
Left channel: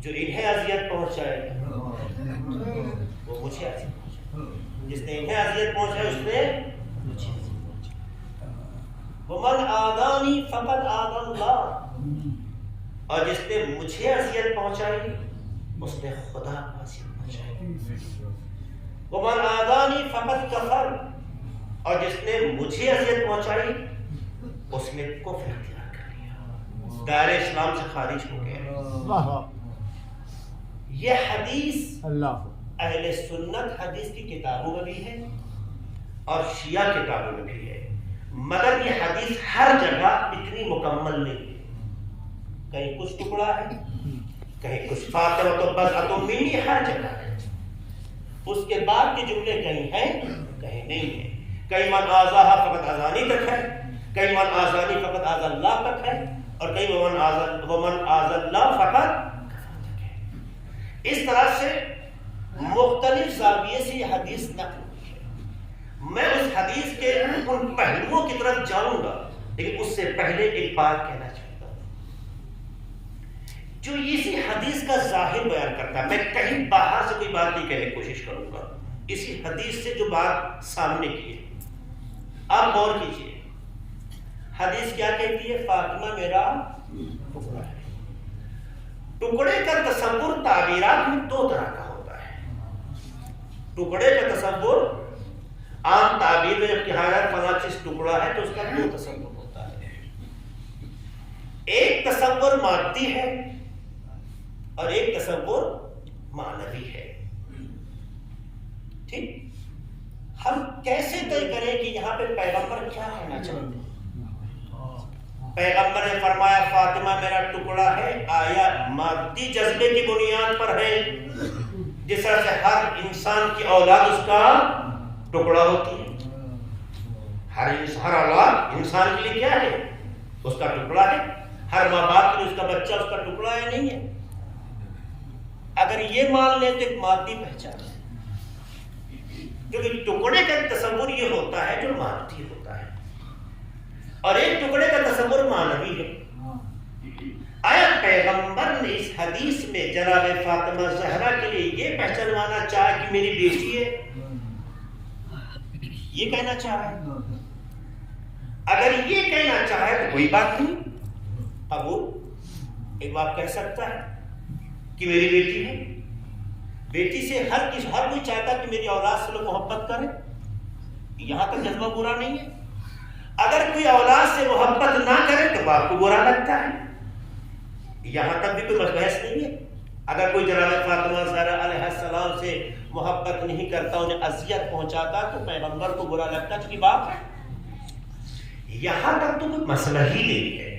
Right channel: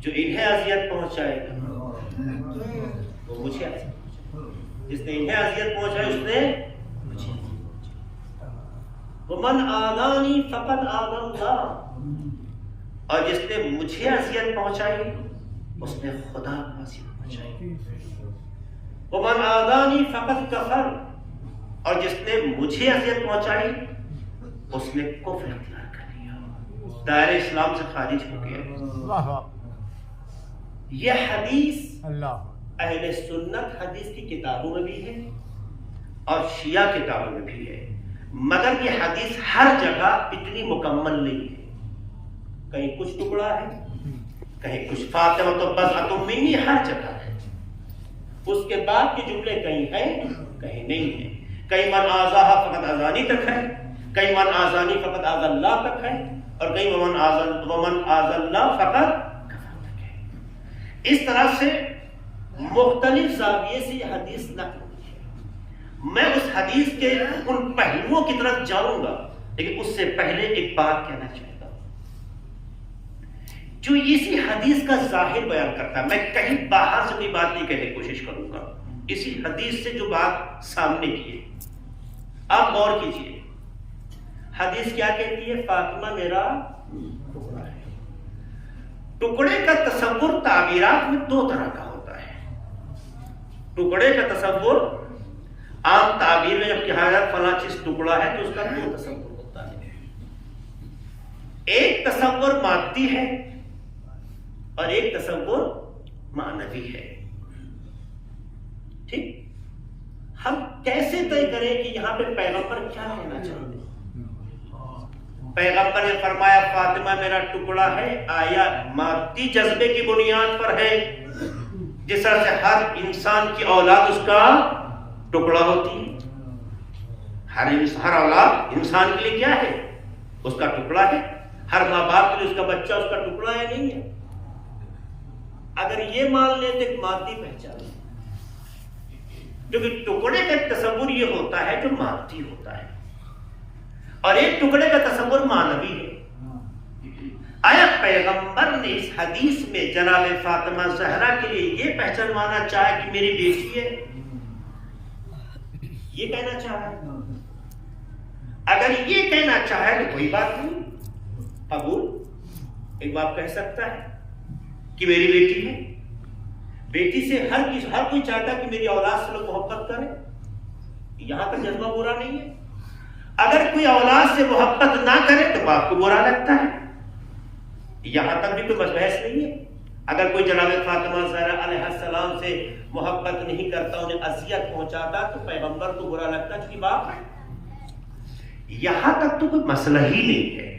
جو انہیں اذیت پہنچائے وہ مجھے اذیت پہنچائے. جس نے انہیں اذیت پہنچائی اس نے مجھے. ومن آذانی فقط آذى اللہ. اور جس نے مجھے اذیت پہنچائی اس نے خدا کو اذیت پہنچائی. ومن آذانی فقط کفر. اور جس نے مجھے اذیت پہنچائی اس نے کفر اختیار کر لیا، دائرہ اسلام سے خارج ہو گیا. یہ حدیث اللہ اہل سنت حدیث کی کتابوں میں بھی ہے اور شیعہ کتابوں میں بھی ہے، مگر یہ حدیث ہر جگہ اتنی مکمل نہیں ہے. کہیں کچھ ٹکڑا ہے، کہیں کچھ فاطمہ تو بضعۃ منی، ہر جگہ ہے. اس کے بعد کے جملے کہیں ہیں کہیں نہیں ہیں. کہیں من آزاہا فقط آزانی تک ہے، کہیں من آزانی فقط آز اللہ تک ہے، اور کہیں ومن آز اللہ فقط کفر تک ہے. اس طرح سے مختلف زاویے سے یہ حدیث نقل ہوئی ہے. میں اس حدیث کے ان پہلوؤں کی طرف جاؤں گا، لیکن اس سے پہلے ایک بات کہنا چاہتا ہوں جو اسی حدیث کا ظاہر بیان کرتا ہے. میں کہیں باہر سے کوئی بات نہیں کہنے کی کوشش کروں گا، اسی حدیث سے جو بات سامنے کی ہے آپ غور کیجئے. حدیث کیا کہتی ہے؟ فاطمہ میرا ٹکڑا ہے. ٹکڑے کا تصور تعبیرات میں دو طرح کا ہوتا ہے. ٹکڑے کا تصور عام تعبیر میں جب کہا جائے فلاں چیز ٹکڑا ہے تو اس کا دو تصور ہوتا ہے. ایک تصور مادی ہے اور ایک تصور معنوی ہے. ٹھیک، ہم کیسے طے کریں کہ یہاں پہ پیغمبر کیا کہنا چاہتے ہیں؟ پیغمبر نے فرمایا فاطمہ میرا ٹکڑا ہے، آیا مادی جذبے کی بنیاد پر ہے جس طرح سے ہر انسان کی اولاد اس کا ٹکڑا ہوتی ہے. ہر اولاد انسان کے لیے کیا ہے؟ اس کا ٹکڑا ہے. ہر ماں باپ کے لیے اس کا بچہ اس کا ٹکڑا ہے نہیں ہے. اگر یہ مان لیں تو ایک مادی پہچان ہے، جو کہ ٹکڑے کا تصور یہ ہوتا ہے جو مادی ہوتا ہے، اور ایک ٹکڑے کا تصور معنوی ہے. آیا پیغمبر نے اس حدیث میں جناب فاطمہ زہرا کے لیے یہ پہچانوانا چاہا کہ میری بیٹی ہے؟ یہ کہنا چاہا ہے؟ اگر یہ کہنا چاہے تو کوئی بات نہیں، قبول. ایک باپ کہہ سکتا ہے کہ میری بیٹی ہے. بیٹی سے ہر کوئی چاہتا ہے کہ میری اولاد سے لوگ محبت کریں، یہاں تک جذبہ برا نہیں ہے. اگر کوئی اولاد سے محبت نہ کرے تو باپ کو برا لگتا ہے، یہاں تک بھی کوئی بحث نہیں ہے. اگر کوئی جناب فاطمہ زہرا علیہ السلام سے محبت نہیں کرتا، انہیں اذیت پہنچاتا تو پیغمبر کو برا لگتا کیونکہ باپ ہے. یہاں تک تو کوئی مسئلہ ہی نہیں ہے.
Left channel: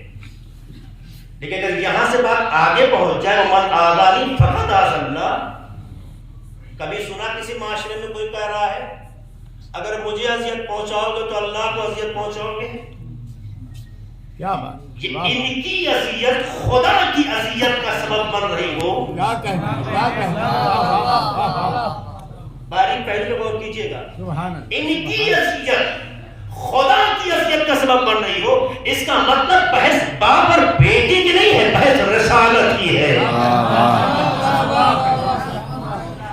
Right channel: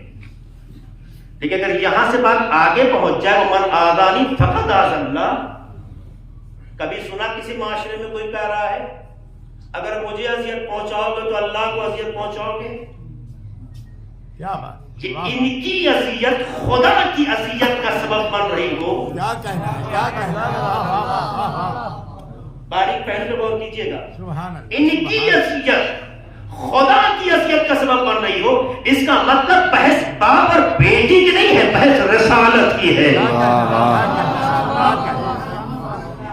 لیکن اگر یہاں سے بات آگے پہنچ جائے من آذانی فقط آذى اللہ. کبھی سنا کسی معاشرے میں کوئی کہہ رہا ہے اگر مجھے اذیت پہنچاؤ گے تو اللہ کو اذیت پہنچاؤ گے؟ کیا بات. کہ ان کی اذیت خدا کی اذیت کا سبب بن رہی ہو. کیا کہنا. کیا کہنا. باریک پہلے غور کیجیے گا. سبحان اللہ. ان کی اذیت خدا کی اذیت کا سبب بن رہی ہو، اس کا مطلب بحث باپ اور بیٹی کی نہیں ہے، بحث رسالت کی ہے.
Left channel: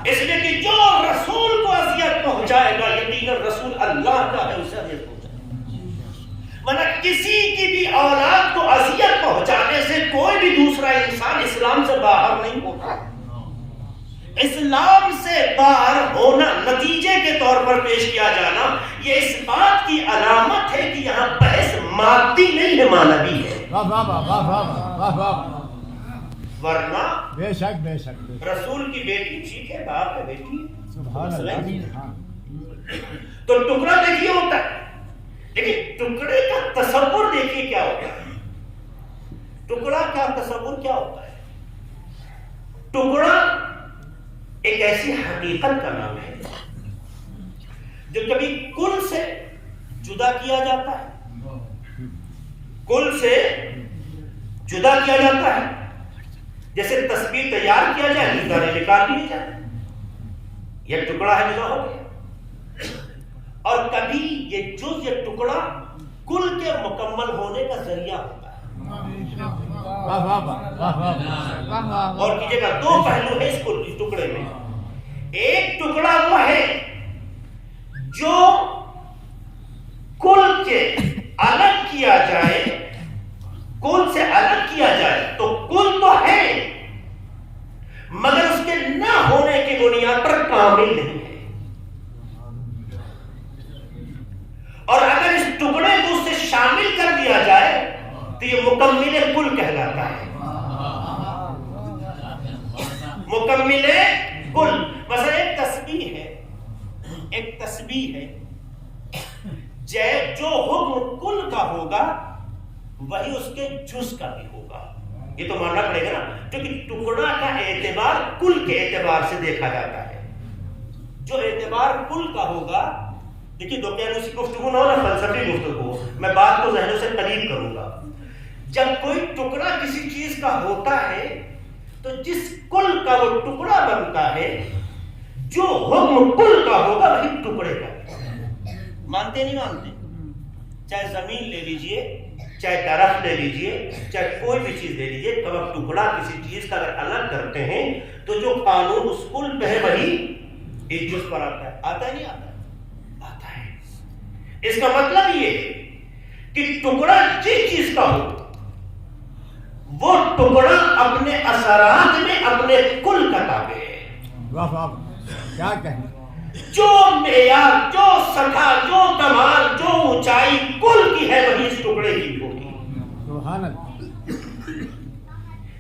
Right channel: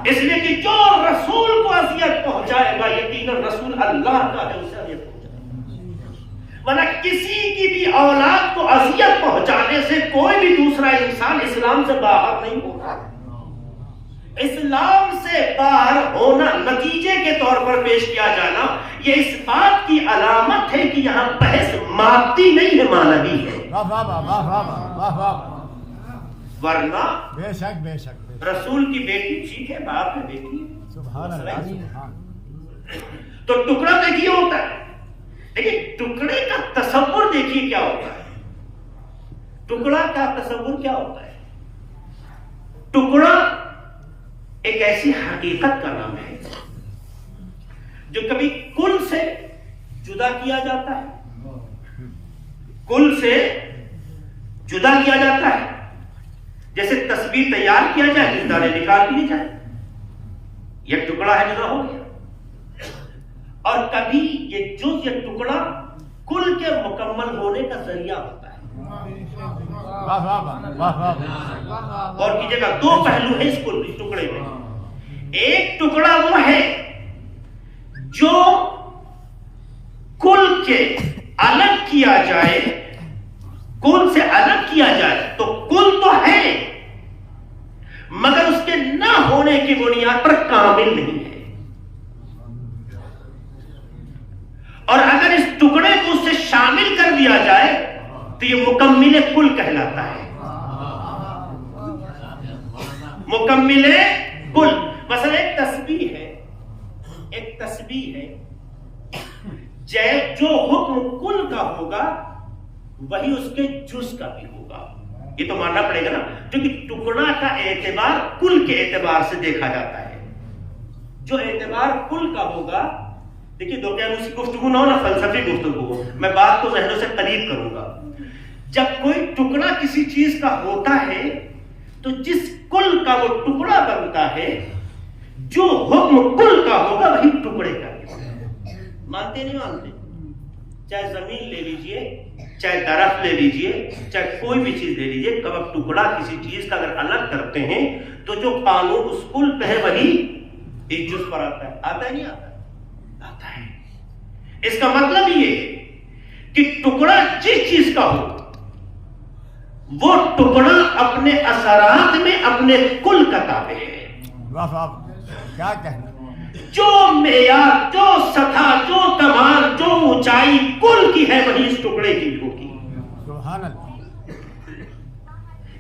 اس لیے کہ جو رسول کو اذیت پہنچائے گا یقیناً رسول اللہ کا ہے، اسے اذیت پہنچائے گا. ورنہ کسی کی بھی اولاد کو اذیت پہنچانے سے کوئی بھی دوسرا انسان اسلام سے باہر نہیں ہوتا. اسلام سے باہر ہونا نتیجے کے طور پر پیش کیا جانا یہ اس بات کی علامت ہے کہ یہاں بحث مادی نہیں ہے، معنوی ہے. ورنہ بے شک رسول کی بیٹی ٹھیک ہے، باپ ہے، بیٹی ہے، تو ٹکڑا دیکھیے ہوتا ہے، لیکن ٹکڑے کا تصور دیکھیے کیا ہوتا ہے. ٹکڑا کا تصور کیا ہوتا ہے؟ ٹکڑا ایک ایسی حقیقت کا نام ہے جو کبھی کل سے جدا کیا جاتا ہے، کل سے جدا کیا جاتا ہے. جیسے تصویر تیار کیا جائے، ستارے نکال دیے جائے، یہ ٹکڑا ہے، جدا ہو گیا. اور کبھی یہ جز، یہ ٹکڑا کل کے مکمل ہونے کا ذریعہ ہوتا ہے. اور کیجیے گا دو پہلو ہے اس ٹکڑے میں. ایک ٹکڑا وہ ہے جو کل کے الگ کیا جائے، کل سے الگ کیا جائے تو کل تو ہے مگر اس کے نہ ہونے کی بنیاد پر کامل نہیں ہے. اور اگر اس ٹکڑے کو اس سے شامل کر دیا جائے تو یہ مکمل کل کہلاتا ہے. مکمل کل. مثلا ایک تسبیح ہے، ایک تسبیح ہے، جو حکم کل کا ہوگا وہی اس کے جز کا بھی ہوگا. یہ تو ماننا پڑے گا نا، کیونکہ ٹکڑا کا اعتبار کل کے اعتبار سے دیکھا جاتا ہے. جو اعتبار کل کا ہوگا، دیکھیے دوقیانوسی گفتگو نہ ہو نا، فلسفی گفتگو، میں بات کو ذہنوں سے قریب کروں گا. جب کوئی ٹکڑا کسی چیز کا ہوتا ہے تو جس کل کا وہ ٹکڑا بنتا ہے، جو حکم کل کا ہوگا وہی ٹکڑے کا. مانتے نہیں مانتے؟ چاہے زمین لے لیجئے، چاہے درخت لے لیجئے، چاہے کوئی بھی چیز لے لیجئے، کب آپ ٹکڑا کسی چیز کا اگر الگ کرتے ہیں تو جو قانون اس کل پہ ہے وہی اس جز پر آتا ہے. آتا ہے نہیں آتا ہے؟ آتا ہے. اس کا مطلب یہ ہے کہ ٹکڑا جس چیز کا ہو وہ ٹکڑا اپنے اثرات میں اپنے کل کا تابع ہے. کیا کہنا، جو معیار، جو سطح، جو کمال، جو اونچائی کل کی ہے وہی اس ٹکڑے کی ہوگی.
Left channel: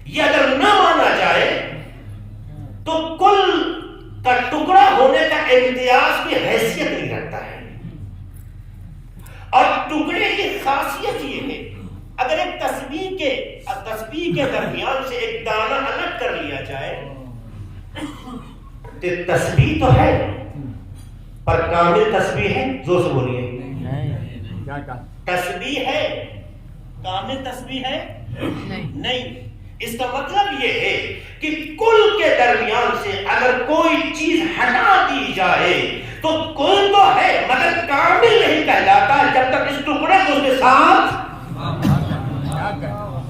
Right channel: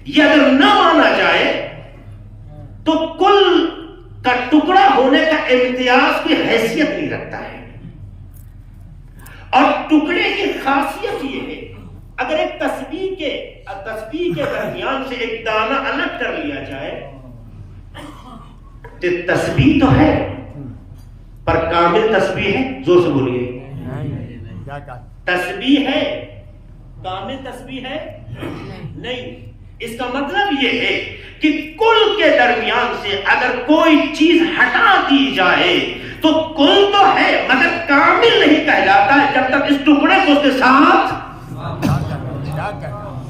یہ اگر نہ مانا جائے تو کل کا ٹکڑا ہونے کا امتیاز کی حیثیت نہیں رکھتا ہے. اور ٹکڑے کی خاصیت یہ ہے، اگر ایک تسبیح کے درمیان سے ایک دانہ الگ کر لیا جائے تو تسبیح تو ہے پر کامل تسبیح ہے. زور سے بولیے، تسبیح ہے، کامل تسبیح ہے نہیں. اس کا مطلب یہ ہے کہ کل کے درمیان سے اگر کوئی چیز ہٹا دی جائے تو کل تو ہے مگر کامل نہیں کہلاتا ہے جب تک اس ٹکڑے کو اس کے ساتھ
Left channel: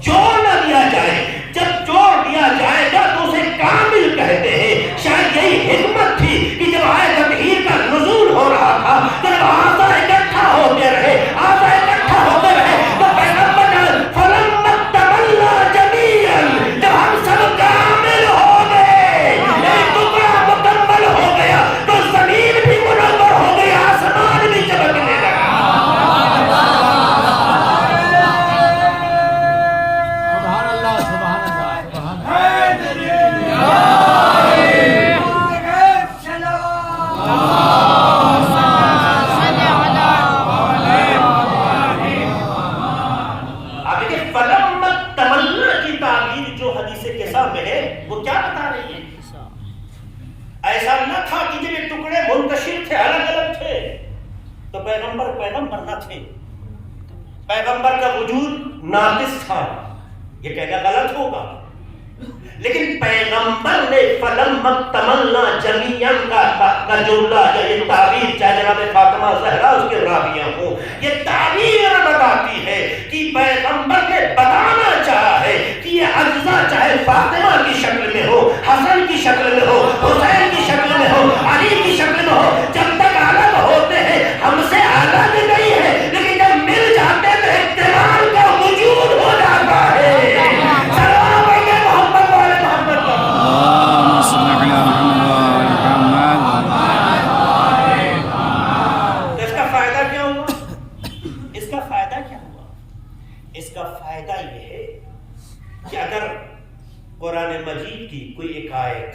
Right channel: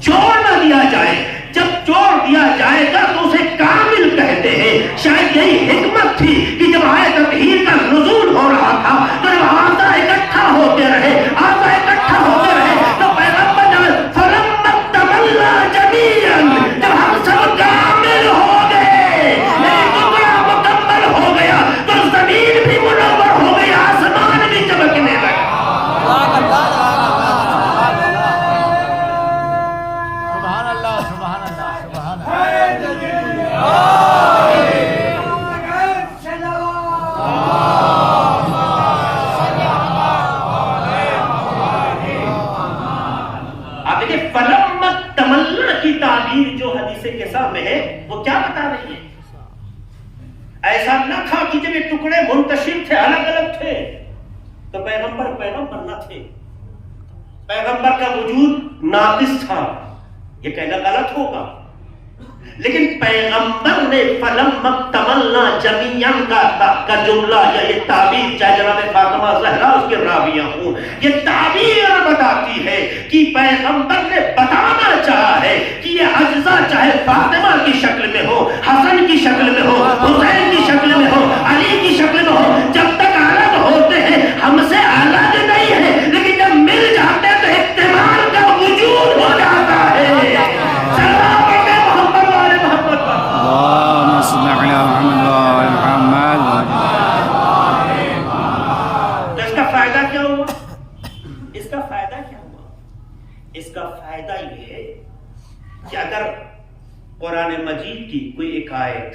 جوڑ نہ دیا جائے. جب جوڑ دیا جائے گا تو اسے کامل کہتے ہیں. شاید یہی حکمت تھی کہ جب آیت تطہیر کا نزول ہو رہا تھا تو جب آسا اکٹھا ہوتے رہے تو پیغمبر نے فلما تملا جميعا، جب ہم سب کامل ہو گئے، ٹکڑا مکمل ہو گیا تو زمین بھی منور ہو گئی، آسمان بھی چمکنے لگا. ایسا نہ تھا کہ جب یہ ٹکڑے منتشر تھے، الگ الگ تھے تو پیغمبر نہ تھے، پیغمبر کا وجود ناقص تھا. یہ کہنا غلط ہوگا، لیکن پیغمبر نے فلما تمنا جمیعاً کا جملہ یا یہ تعبیر، چاہے جناب فاطمہ زہرا اس کے راویہ ہوں، یہ تعبیر بتاتی ہے کہ پیغمبر نے بتانا چاہا ہے کہ یہ اجزاء چاہے فاطمہ کی شکل میں ہو، حسن کی شکل میں ہو، حسین کی شکل میں ہو، علی کی شکل میں ہو، جب تک الگ ہوتے ہیں ہم سے الگ نہیں ہے، لیکن جب مل جاتے ہیں تو احتمال کا وجود ہو جاتا ہے. اللهم صل على محمد اس کا فائدہ یہ ہے کہ اگر قرآن مجید کی کوئی ایک آیت،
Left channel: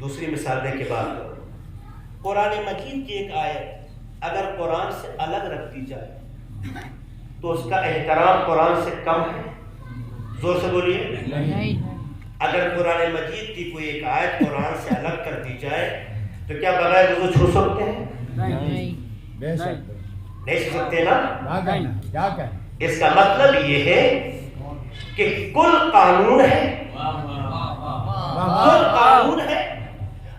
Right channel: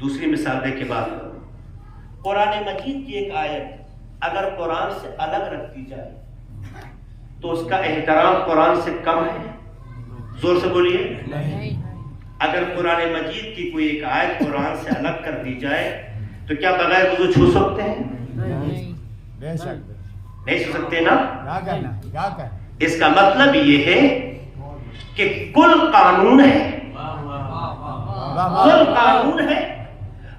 دوسری مثال دے کے بات کروں، قرآن مجید کی ایک آیت اگر قرآن سے الگ رکھ دی جائے تو اس کا احترام قرآن سے کم ہے؟ زور سے بولیے. اگر قرآن مجید کی کوئی ایک آیت قرآن سے الگ کر دی جائے تو کیا بغیر وضو چھو سکتے ہیں؟ نہیں چھو سکتے نا. اس کا مطلب یہ ہے کہ کل قانون ہے، کل قانون ہے،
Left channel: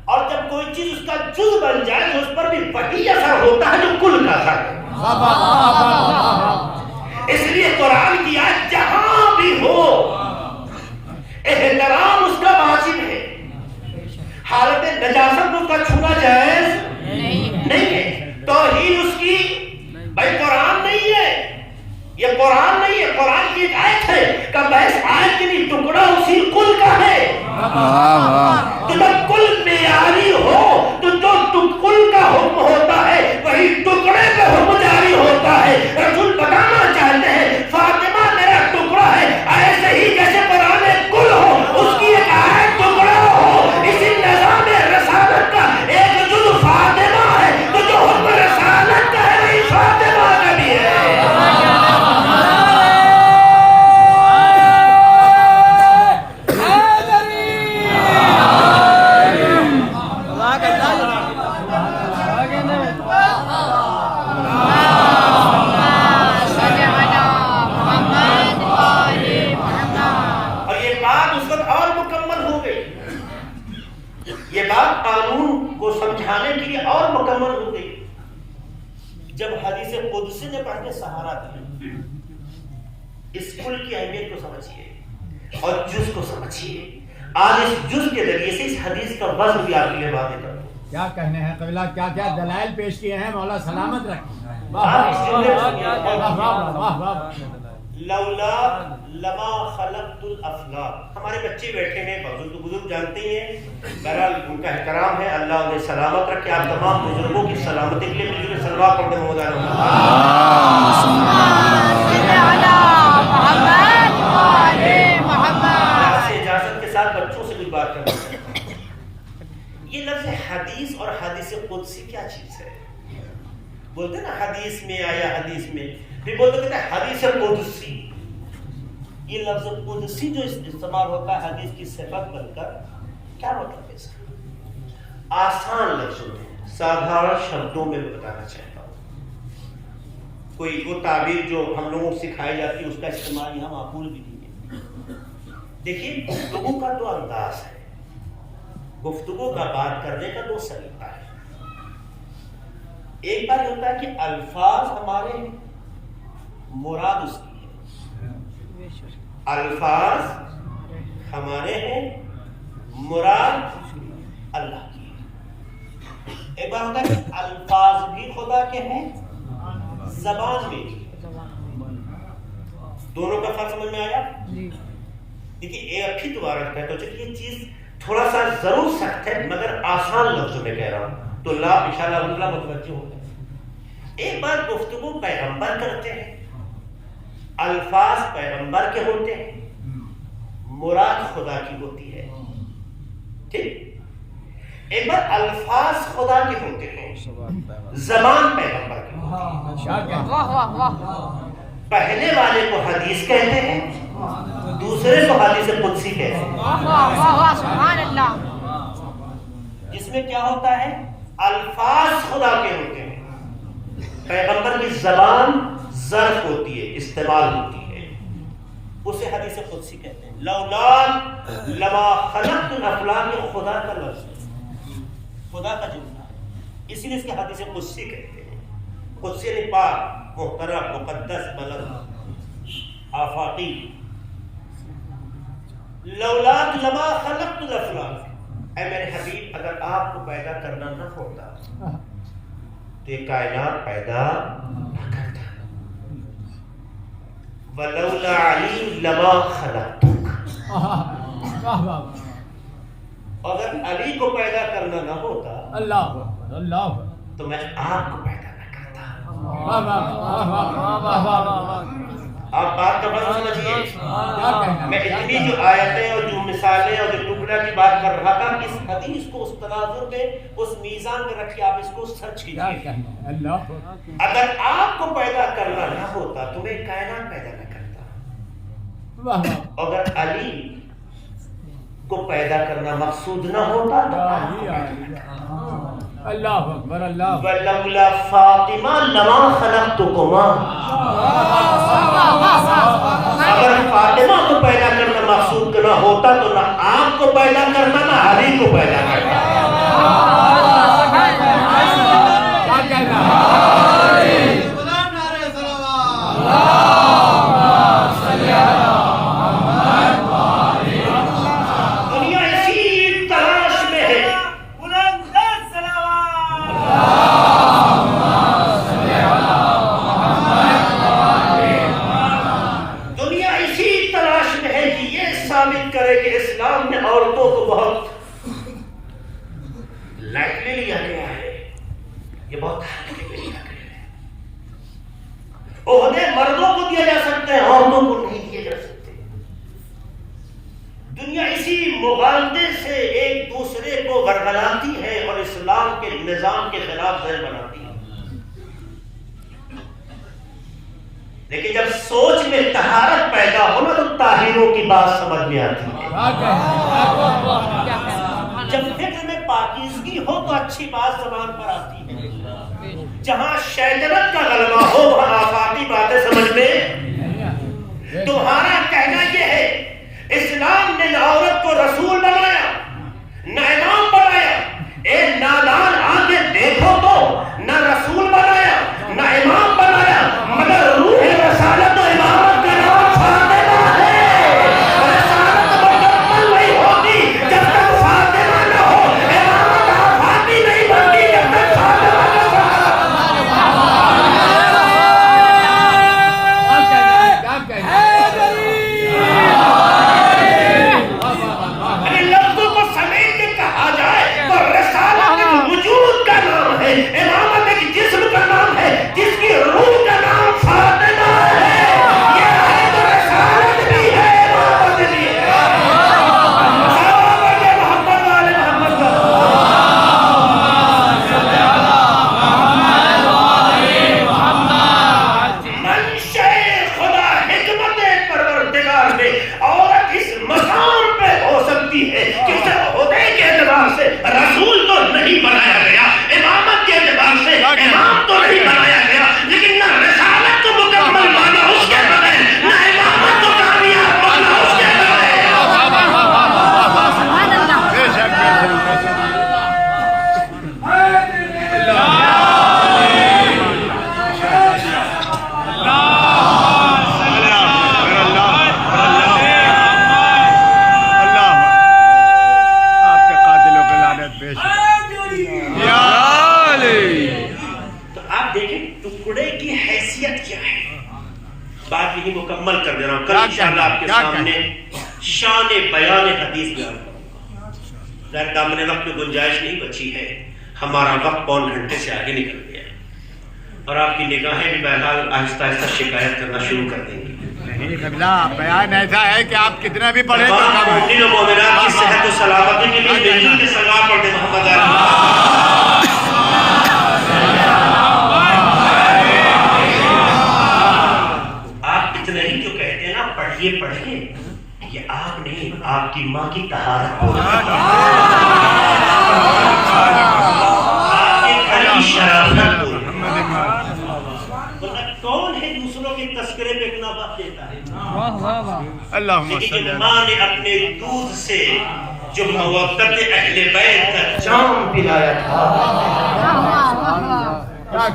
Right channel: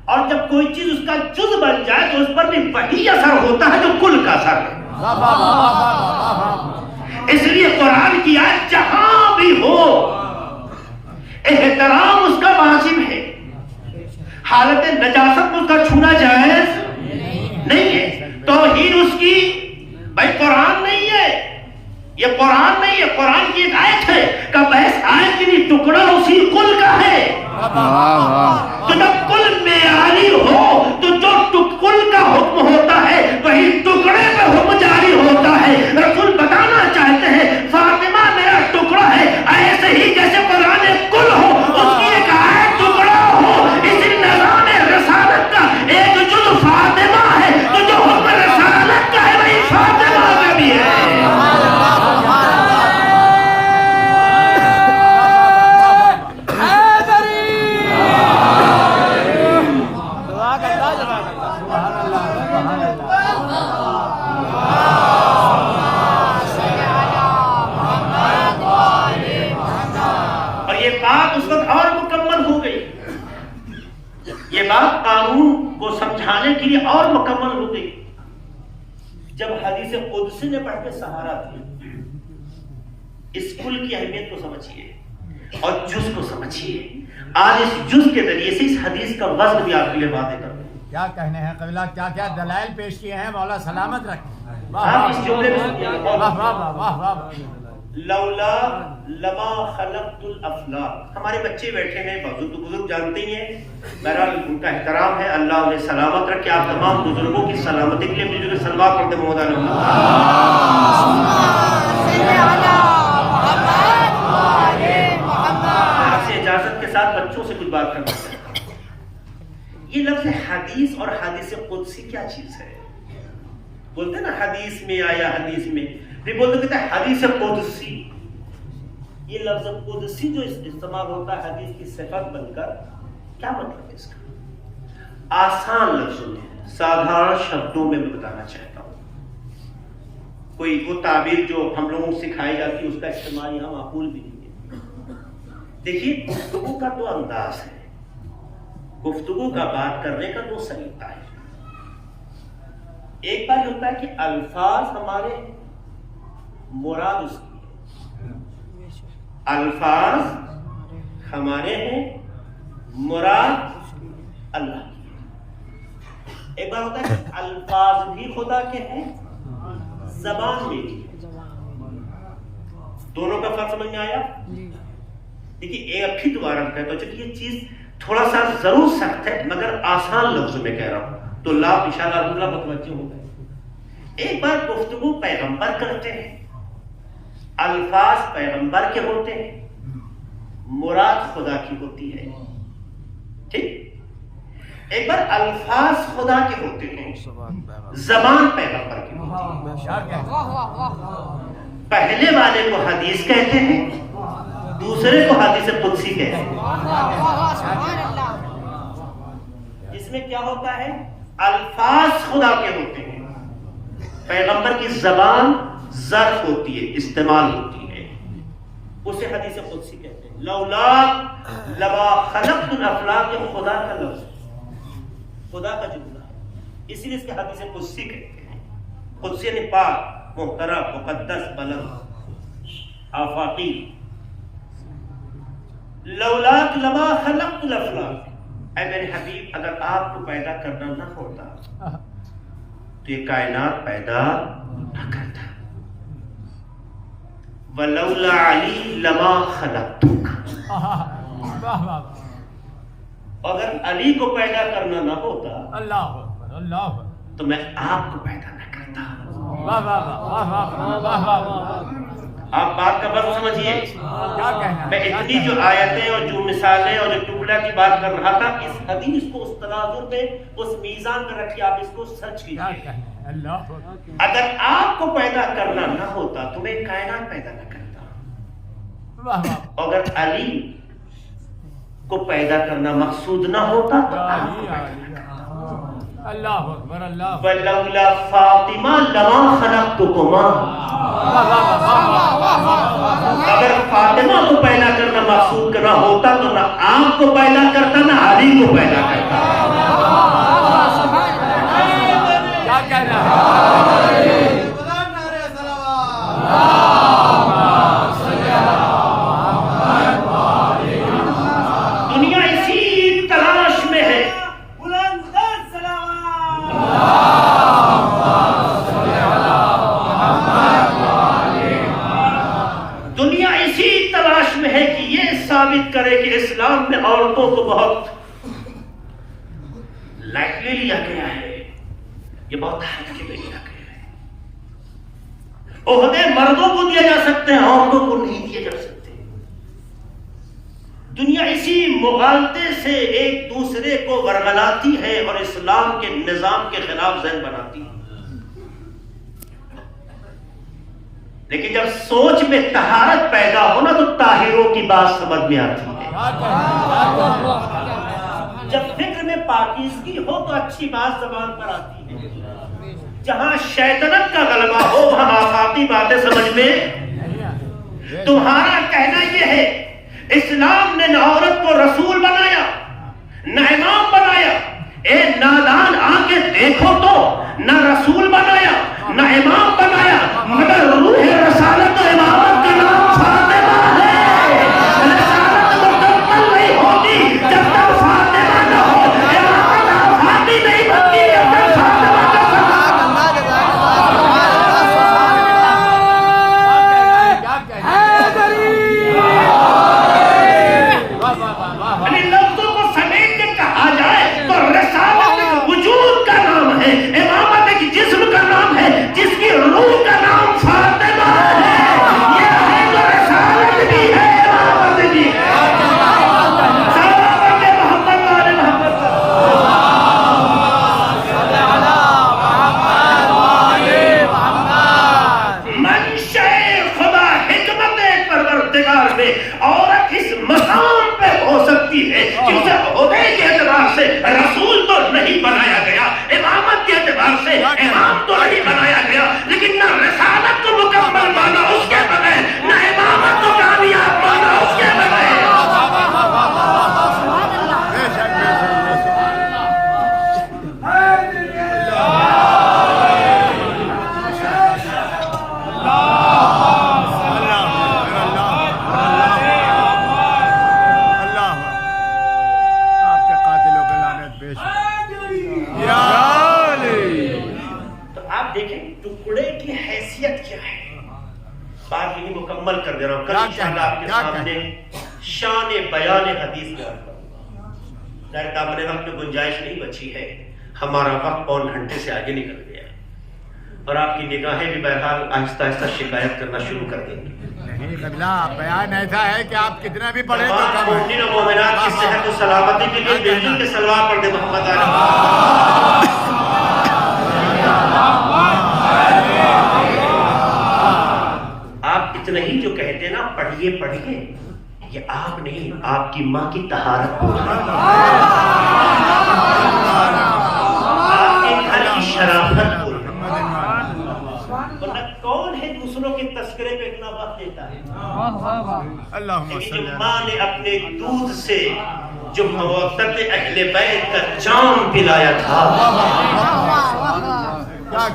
اور جب کوئی چیز اس کا جز بن جائے تو اس پر بھی وہی اثر ہوتا ہے جو کل کا اثر ہے. اس لیے قرآن کی آیت جہاں بھی ہو احترام اس کا واجب ہے. حالت نجاست میں اس کا چھونا جائز نہیں ہے. توہین اس کی بھائی قرآن نہیں ہے، یہ قرآن نہیں ہے، قرآن کی ایک آیت ہے کہ بحث آیت کے لیے ٹکڑا اسی کل کا ہے. تو جب کل معیاری ہو تو جو کل کا حکم ہوتا ہے وہی ٹکڑے کا حکم جاری ہوتا ہے. رسول بتانا چاہتے ہیں فاطمہ میرا ٹکڑا ہے، ایسے ہی جیسے قرآن کل ہو اس کی ایک آیت ٹکڑا ہو. اسی نظام رسالت کا ایک جز فاطمہ ہے تو جو حکم رسالت کا ہے وہی فاطمہ کا بھی ہے. یہ بات قانون کو سمجھانے کے لیے اور مکمل ہو گئی جب حدیث قدسی نے پڑھ کے سہارا دیا. اس کل کی اہمیت کو سمجھیے اور جز کو سمجھیے. آج اس جز کے ذریعے سے اس حدیث کا وزن بھی آپ کے لیے واضح کرتا ہوں. کیا کہنے ہیں قبلہ، کیا کیا دلائل پیش کیے ہیں، مولا سلامت رکھیں. لولا لما خلقت الافلاک. ہمارے بچے بیٹھے ہیں، بزرگ جانتے ہی ہیں، بہرحال ان کا احترام ہے. اللہ انہیں سلامت رکھے. آپ تمام بزرگوں کی سلامتی کے لیے مل جل کے سلوات پڑھتے ہیں. آپ سے اجازت کے ساتھ بچوں سے کچھ بات کرنا چاہتا ہوں. یہ لفظ حدیث اور حدیث قدسی کیا چیز ہے؟ بولتے ہیں نا حدیث میں آیا، حدیث میں بھی بولتے کہتے ہیں حدیث قدسی. یہ لفظ قدسی جو استعمال ہوتا ہے حدیث کی صفت بن کر، کیا مطلب ہے اس کا؟ آسان لفظوں میں، سادھارن شبدوں میں بتانا چاہتا ہوں. کوئی وہ تعبیر جو ہم لوگوں کو سکھائی جاتی ہے اس کا استعمال یہاں معقول بھی نہیں ہے. دیکھیے گفتگو کا تو انداز ہے، گفتگو کا بات کرنے کا تو سلیقہ ہے. ایک بار ہوتا ہے کہ الفاظ ہمارے مراد اس کی ہے، الفاظ ہمارے ہیں، مراد اللہ کی ہے. ایک بار ہوتا ہے کہ الفاظ بھی خدا کے ہیں، زبان میں بھی. دونوں کا فرق سمجھ میں آیا؟ دیکھیے ایک ہی دوبارہ کہتا ہوں، چلیے یہ چیز تھوڑا سا ضرور سخت ہے مگر آسان لفظوں میں کہہ رہا ہوں تو اللہ انشاءاللہ متوجہ ہو گئے. ایک بار گفتگو پیغمبر کرتے ہیں، الفاظ پیغمبر کے ہوتے ہیں، مراد خدا کی ہوتی ہے. ٹھیک. ایک بار الفاظ خدا کے ہوتے ہیں، زبان پیغمبر کی ہوتی ہے. پہلے والے کو حدیث کہتے ہیں، دوسرے کو حدیث قدسی کہتے ہیں. اس میں کیا ہوتا ہے؟ الفاظ خدا کے ہوتے ہیں، پیغمبر کی زبان ظرف ہوتی ہے، استعمال ہوتی ہے، اسے حدیث قدسی کہتے ہیں. لولا لما خلقت الافلاک، خدا کا لفظ، خدا کا جملہ ہے، اسی لیے اس کے حدیث قدسی کہتے ہیں. قدسی یعنی پاک، محترم، مقدس، بلند، آفاقی. لولا لما خلقت الافلاک، اے میرے حبیب اگر آپ کو پیدا کرنا نہ ہوتا تو یہ کائنات پیدا نہ کرتا. وَلَوْلَا عَلِي لَمَا خَلَقْتُكَ، اگر علی کو پیدا کرنا نہ ہوتا اللہ تو میں آپ کو پیدا نہ کرتا. آپ بات بات کا مطلب سمجھیے. میں اتنی جو آیتیں اور جو مثالیں اور جو ٹکڑا کی بات کر رہا تھا، اس حدیث کو اس تناظر میں، اس میزان میں رکھیے، آپ اس کو سچ کیجیے. اگر آپ کو پیدا کرنا نہ ہوتا تو میں کائنات پیدا نہ کرتا. اگر علی کو پیدا کرنا مقصود نہ ہوتا تو آپ کو پیدا نہ کرتا. اللہ اکبر اللہ وَلَوْلَا فَاطِمَةَ لَمَا خَلَقْتُكُمَا. اگر فاطمہ کو پیدا کرنا مقصود کرنا ہوتا تو نہ آپ کو پیدا کرتا نہ علی کو پیدا کرتا. دنیا اسی تلاش میں ہے. دنیا اسی تلاش میں ہے کہ یہ ثابت کرے کہ اسلام میں عورتوں کو بہت لائٹلی لیا گیا ہے، یہ بہت ہلکے میں لیا گیا ہے. عہدے مردوں کو دیا جا سکتے ہیں، عورتوں کو نہیں دیے جا سکتے. دنیا اسی مغالطے سے ایک دوسرے کو ورگلاتی ہے اور اسلام کے نظام کے خلاف ذہن بناتی ہے. لیکن جب سوچ میں طہارت پیدا ہونا تو طاہروں کی بات سمجھ میں آتی ہے. جب فکر میں پاکیزگی ہو تو اچھی بات زبان پر آتی ہے. جہاں شیطنت کا غلبہ ہو وہاں آفاقی باتیں سمجھ میں. تمہارا کہنا یہ ہے اسلام نے نہ عورت کو رسول بنایا نہ امام بنایا. اے نادان آ کے دیکھو تو نہ رسول بنایا نہ امام بنایا، مگر روح رسالت و امامت کا نام فاطمہ ہے. رسالت مکمل نہیں ہوتی جب تک فاطمہ نہ ہو، امامت آفاقی نہیں بنتی جب تک فاطمہ نہ ہو. لفظوں کو سمیٹ کے کہا جائے تو رسالت ایک وجود کا نام ہے، امامت ایک جسم کا نام ہے جس کی روح کا نام فاطمہ ہے. یہ ہے جو رسالت بھی ہے، امامت بھی ہے. محمد والے محمد منشأ خدا حکمت پروردگار میں عورت اس مقام پہ ہو سکتی ہے کہ اسے عہدے کے اعتبار سے رسول تو نہیں بنایا گیا، امامت کے اعتبار سے امام تو نہیں بنایا گیا، لیکن نہ رسالت کو مکمل مانا اس کے بغیر، نہ امامت کو کامیاب مانا اس کے بغیر. آپ کے قاتلوں کے لعنت بے شک. تو آپ دیکھیں ٹکڑے کی حیثیت کیا ہے. بات یہی مکمل کر دے رہا ہوں. کل انشاءاللہ آپ کے سامنے شان بیان حدیث میں آتا ہوں. ظاہر دامن وقت میں گنجائش نہیں بچی ہے، ہمارا وقت پون گھنٹے سے آگے نکل گیا ہے اور آپ کی نگاہیں بھی بہرحال آہستہ آہستہ شکایت کرنا شروع کر دیں گی. نہیں قبلہ، بیان ایسا ہے کہ آپ کتنا بھی پڑھیں تو تمام مومنین و مومنات کی صحت و سلامتی کے لیے دلیل کے سلوات پڑھ دیں. محمد علی آپ اتنا ہی جو کہتے ہیں نا پڑھیے پڑھیے، یہ آپ نہیں، آپ کی ماں کی طہارت آپ کی کھلی شرافت کون ہے دوسروں کے تذکرے پہ اتنا وقت دیتا ہے. اللہم صلی لیکن اللہ. ماں نے اپنے دودھ سے جو مودت اہل بیت کا جام پلایا تھا،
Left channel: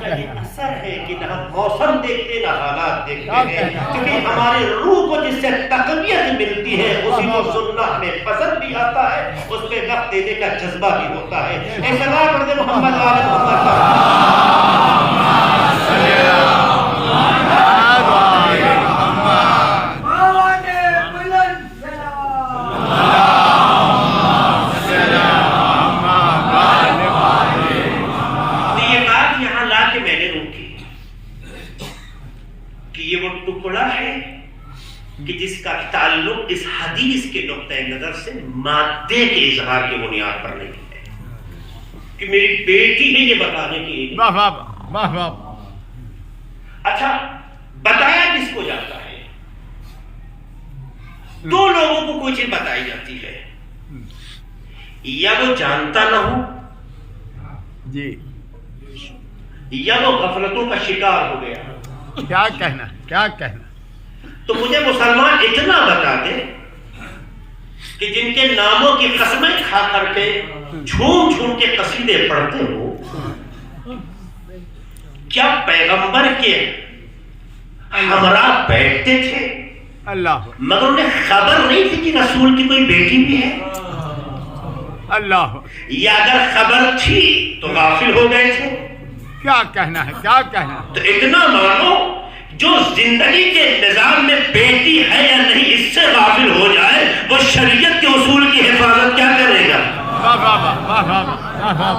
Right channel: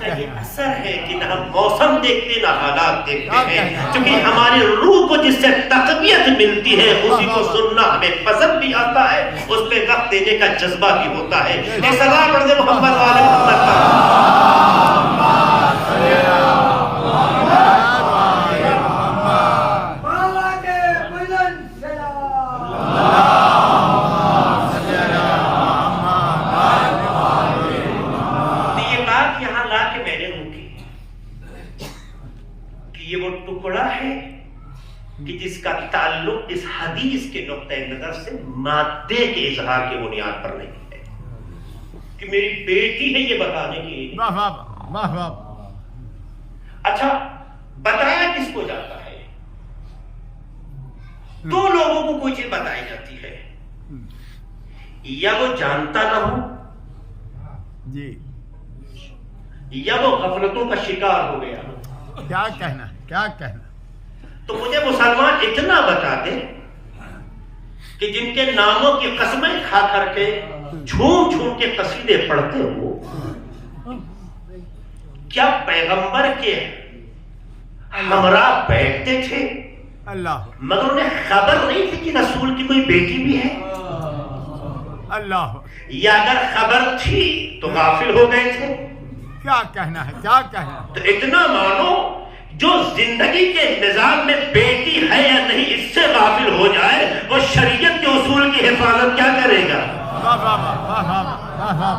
یہ اثر ہے کہ نہ ہم موسم دیکھتے نہ حالات دیکھتے ہیں، کیونکہ ہماری روح کو جس سے تقویت ملتی ہے اسی کو سننا ہمیں پسند بھی آتا ہے، اس پہ وقت دینے کا جذبہ بھی ہوتا ہے. ایک سلام پڑھ دے محمد والے محمد کا. ٹکڑا ہے کہ جس کا تعلق اس حدیث کے نقطۂ نظر سے مادے کے اظہار کی بنیاد پر نہیں ہے کہ میری بیٹی ہے یہ بتانے کی. واہ واہ واہ واہ. اچھا بتایا کس کو جاتا ہے؟ دو لوگوں کو کوئی چیز بتائی جاتی ہے، یا وہ جانتا نہ ہو جی، یا وہ غفلتوں کا شکار ہو گیا. کیا کہنا کیا کہنا. تو مجھے مسلمان اتنا بتا دے کہ جن کے ناموں کی قسمیں کھا کر کے جھوم جھوم کے قصیدے پڑھتے ہو، کیا پیغمبر کے ہمراہ بیٹھتے تھے اللہ مگر انہیں خبر نہیں تھی کہ رسول کی کوئی بیٹی بھی ہے؟ اللہ، یا اگر خبر تھی تو غافل ہو گئے تھے؟ کیا کہنا ہے کیا کہنا. تو اتنا مانو جو زندگی کے نظام میں بیٹی ہے یا نہیں اس سے غافل ہو جائے وہ شریعت کے اصول کی حفاظت کیا کرے گا؟ واہ واہ واہ واہ واہ واہ.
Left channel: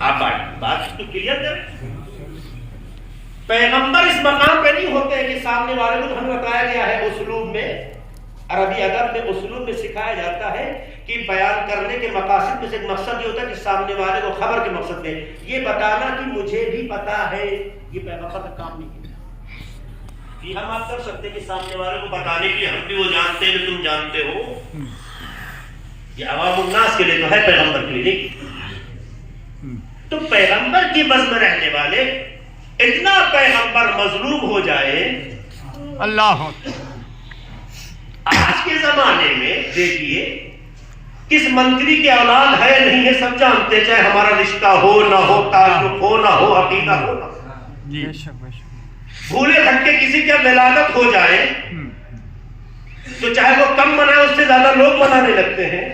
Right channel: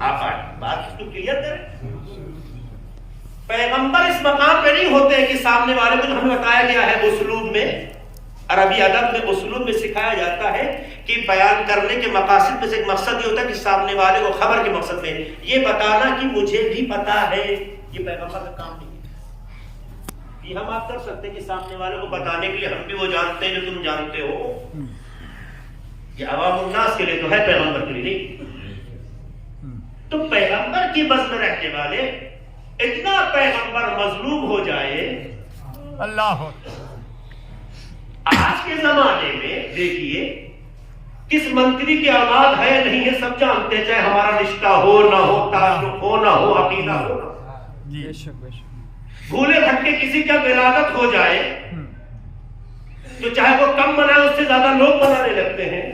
آپ بات تو کلیئر کریں. پیغمبر اس مقام پہ نہیں ہوتے ہیں کہ سامنے والے کو جو ہمیں بتایا گیا ہے اسلوب میں، عربی ادب میں اسلوب میں سکھایا جاتا ہے کہ بیان کرنے کے مقاصد میں سے ایک مقصد یہ ہوتا ہے کہ سامنے والے کو خبر کے مقصد میں یہ بتانا کہ مجھے بھی پتا ہے. یہ پیغمبر کا کام نہیں ہے. یہ ہم آپ کر سکتے ہیں کہ سامنے والے کو بتانے کے لیے ہم بھی وہ جانتے ہیں جو تم جانتے ہو. یہ عوام الناس کے لیے تو ہے، پیغمبر کے لیے نہیں. تو پیغمبر کی بس میں رہنے والے اتنا پیغمبر مظلوم ہو جائے. اللہ آج کے زمانے میں دیکھیے کس منتری کی اولاد ہے نہیں ہے سب جانتے، چاہے ہمارا رشتہ ہو نہ ہو، تعلق ہو نہ ہو، عقیدہ ہو نہ ہو. جی، بھولے بھٹکے کسی کا ولادت ہو جائے تو چاہے وہ کم منائے اس سے زیادہ لوگ منانے لگتے ہیں.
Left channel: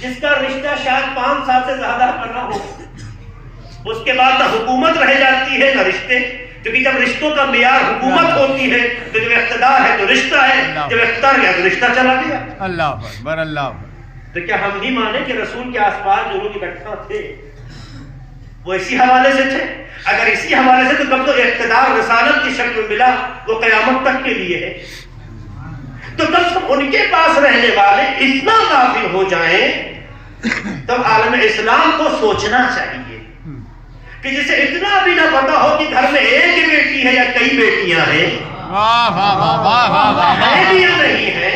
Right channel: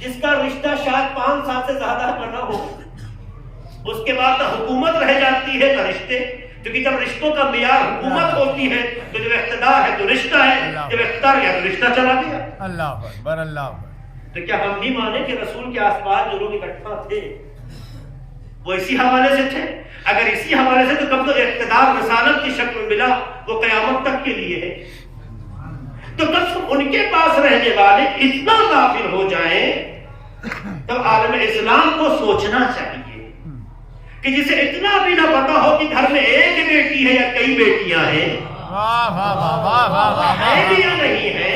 جس کا رشتہ شاید 5 سال سے زیادہ کا نہ ہو اس کے بعد نہ حکومت رہ جاتی ہے نہ رشتے، کیونکہ جب رشتوں کا معیار حکومت ہوتی ہے تو جب اقتدار ہے تو رشتہ ہے، جب اقتدار گیا تو رشتہ چلا گیا. اللہ اکبر اللہ. تو کیا ہم نہیں مانے کہ رسول کے آس پاس جو لوگ اکٹھا تھے وہ اسی حوالے سے تھے؟ اگر اسی حوالے سے تو کب تو اقتدار رسالت کی شکل ملا وہ قیامت تک کے لیے ہے. تو کب ان کے پاس رہنے والے اتنا غافل ہو جائیں تو عالم اسلام کو سوچنا چاہیے کہ جسے اتنا بھی نہ پتا ہو کہ گھر میں ایک بیٹی ہے یا کئی بیٹیاں ہیں، واہ واہ واہ واہ واہ واہ. ہے بھی یا نہیں ہے.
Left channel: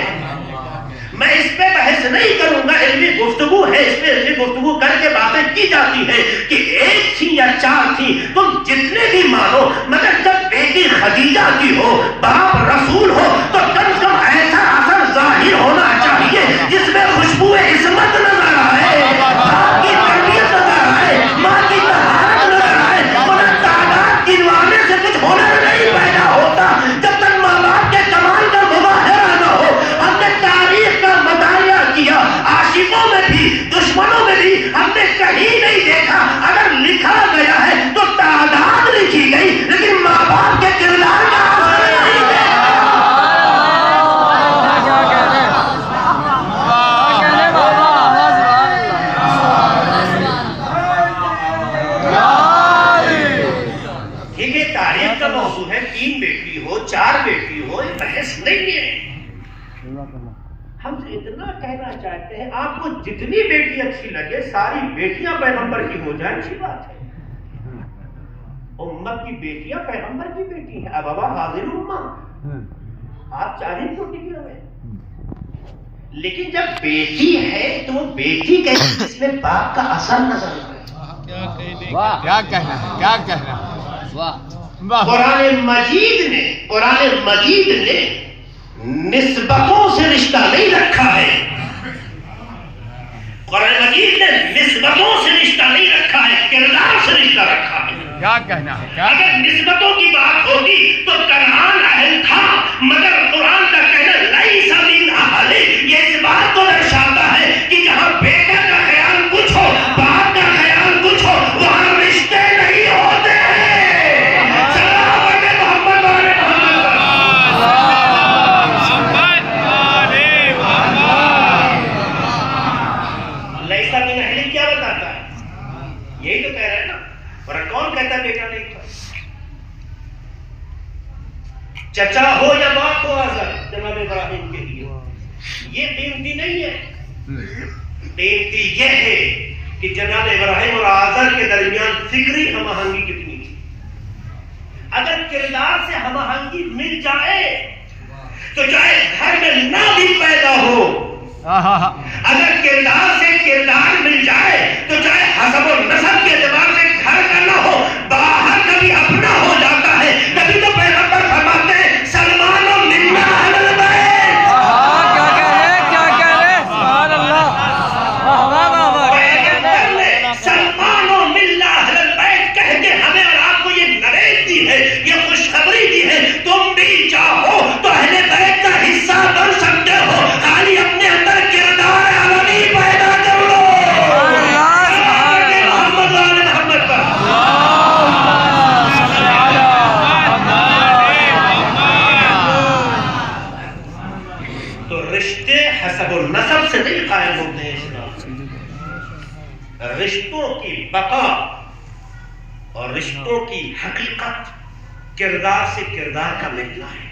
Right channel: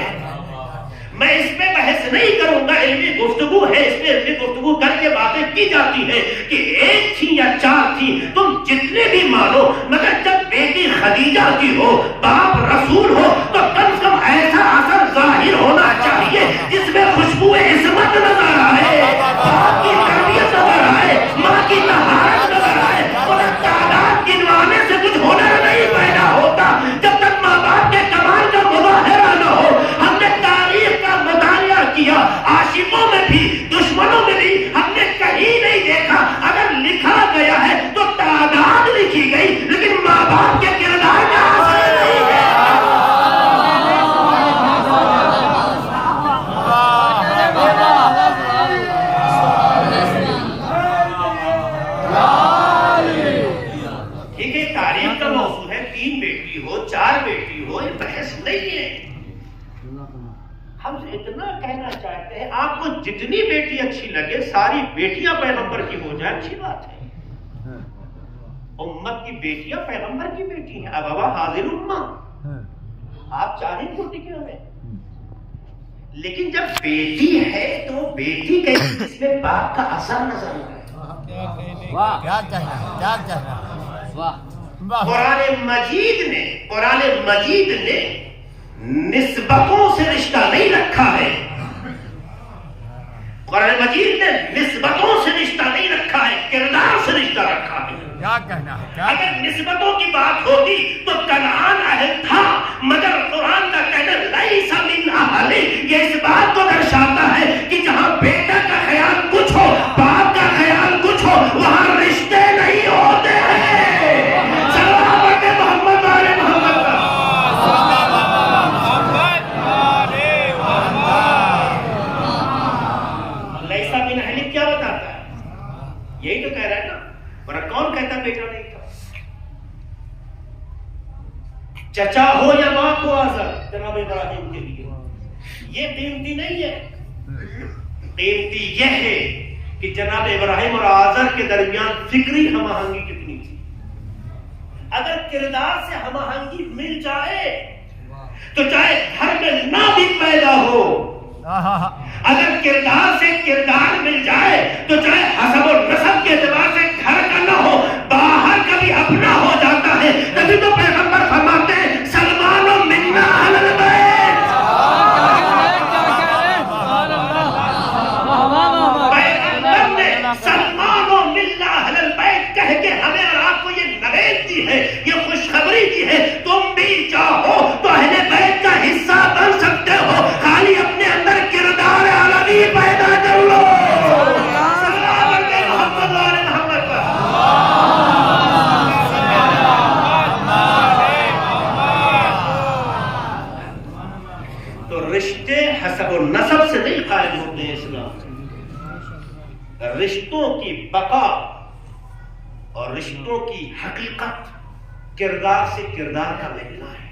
میں اس پہ بحث نہیں کروں گا، علمی گفتگو ہے، اس پہ علمی گفتگو کر کے باتیں کی جاتی ہے کہ 1 تھی یا 4 تھی، تم جتنے بھی مانو، مگر جب بیٹی خدیجہ کی ہو، باپ رسول ہو تو کم سے کم ایسا اثر ظاہر ہونا چاہیے جس میں خوشبو عصمت نظر آئے، باپ کی تربیت نظر آئے، ماں کی طہارت نظر آئے. اور تعداد گنوانے سے کچھ ہونا نہیں پیدا ہوتا جب تک ماں باپ کے کمال کا مظاہرہ نہ ہو. ہم نے تاریخ کا مطالعہ کیا، عاشقوں میں بھی دشمنوں میں بھی ہم نے کہیں نہیں دیکھا اگر لکھا گیا ہے تو تعداد لکھی گئی لیکن ماں باپ کے کردار کا اثر نہیں ہے. ٹھیک ہے، تاریخ کا موضوع ہے، 3 بیٹی ہو 4 بیٹی ہو، یہ بحث نہیں ہے. ہم اتنا کہنا چاہتے ہیں آپ کو جتنی بیٹی اچھی لگے ساری بیٹیاں پیغمبر کی ہو جائیں، اچھی بات ہے. امت کی بیٹیاں پیغمبر کی بیٹی ہیں. اب ابا حاضر امہ آپ چاہیں تو ٹکے ہوئے، لیکن جب بیٹی ہے تو وہ بیٹی کہیں جس میں باپ کا اثر نظر آئے. کیا کہنا ہے کیا کہنا ہے. واہ. قرآن مجید نے نسبتوں سے رشتہ نہیں رکھا ہے. قرآن مجید نے نسبتوں سے رشتہ نہیں رکھا ہے، کردار سے رشتہ رکھا ہے. کیا کہنا ہے کیا. اگر نسبتوں کی بات ہوگی تو کنعان اہل تھا، مگر قرآن کا کہنا لیس من اہل یہ اس بات کو درشاتا ہے کہ جہاں بیٹا کا خیال کچھ ہو، باپ کا خیال کچھ ہو، وہاں رشتے نہیں ہوتے. سلامت محمد آل محمد. لیس من اہل کیا بتاتا ہے؟ یہی تو کہہ رہا ہے نا. ورنہ کون کہتا بیٹا نہیں تھا؟ چچا ہو یا ماں کو آزر جناب ابراہیم کے لیے یہ قیمتی نہیں ہے. قیمتی یہ ہے کہ جناب ابراہیم اور آزر کے درمیان فکری ہم آہنگی کتنی تھی. اگر کردار سے ہم آہنگی مل جائے تو چاہے گھر میں نہ بھی پیدا ہو, اگر کردار سے کردار مل جائے تو چاہے حسب و نسب کے اعتبار سے گھر کا نہ ہو باہر کبھی اپنا ہو جاتا ہے. تبھی تو پیغمبر فرماتے ہیں سلمان و منا اہل البیت. پیغمبر نے سلمان و منا اہل البیت کہہ کے ہمیں اور آپ کو یہ نوید دی ہے, یہ خوشخبری دی ہے. تم بھی چاہو تو اہل بیت کا حصہ بن سکتے ہو, خالی اپنے اندر کردار عالمی پیدا کر لو. تو رشتے حسب و نسب سے نہیں قائم ہوتے ہیں اسلام سے. رشتوں کی بقا اور رشتوں کی حقیقت کردار سے کردار کا ملنا ہے.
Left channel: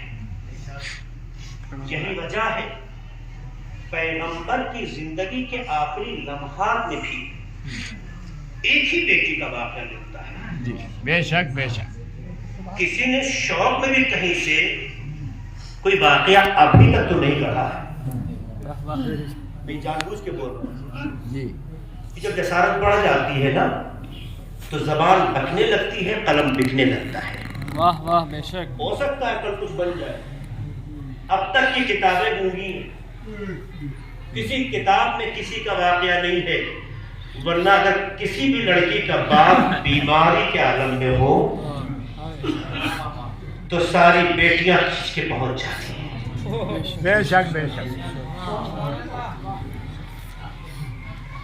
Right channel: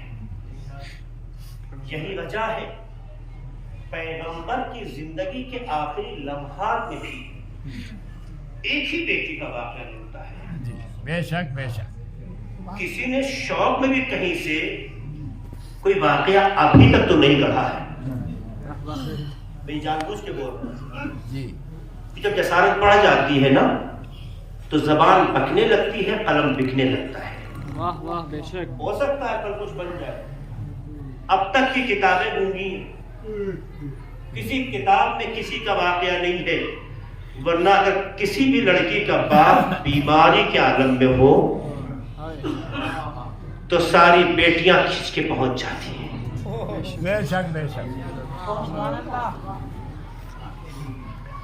یہی وجہ ہے پیغمبر کی زندگی کے آخری لمحات میں بھی ایک ہی بیٹی کا واقعہ ملتا ہے. بے شک بے شک. کسی نے شوق میں بھی کہیں سے کوئی واقعہ ابھی تک تو نہیں کہا ہے. میں جان بوجھ کے بول رہا ہوں. جب جسارت بڑھ جاتی ہے نا تو زبان بکنے لگتی ہے, قلم بکنے لگتا ہے. واہ واہ بے شک. ہو سکتا ہے کل کچھ بن جائے. اب تک کی کتابیں گونگی ہیں, کسی کتاب میں کسی کا واقعہ نہیں ہے. ورنہ اگر کسی بھی لڑکی کا باپ بیماری کے عالم میں ہو تو ساری بیٹیاں کھینچ کے پہنچ جاتی ہیں. بے شک بے شک.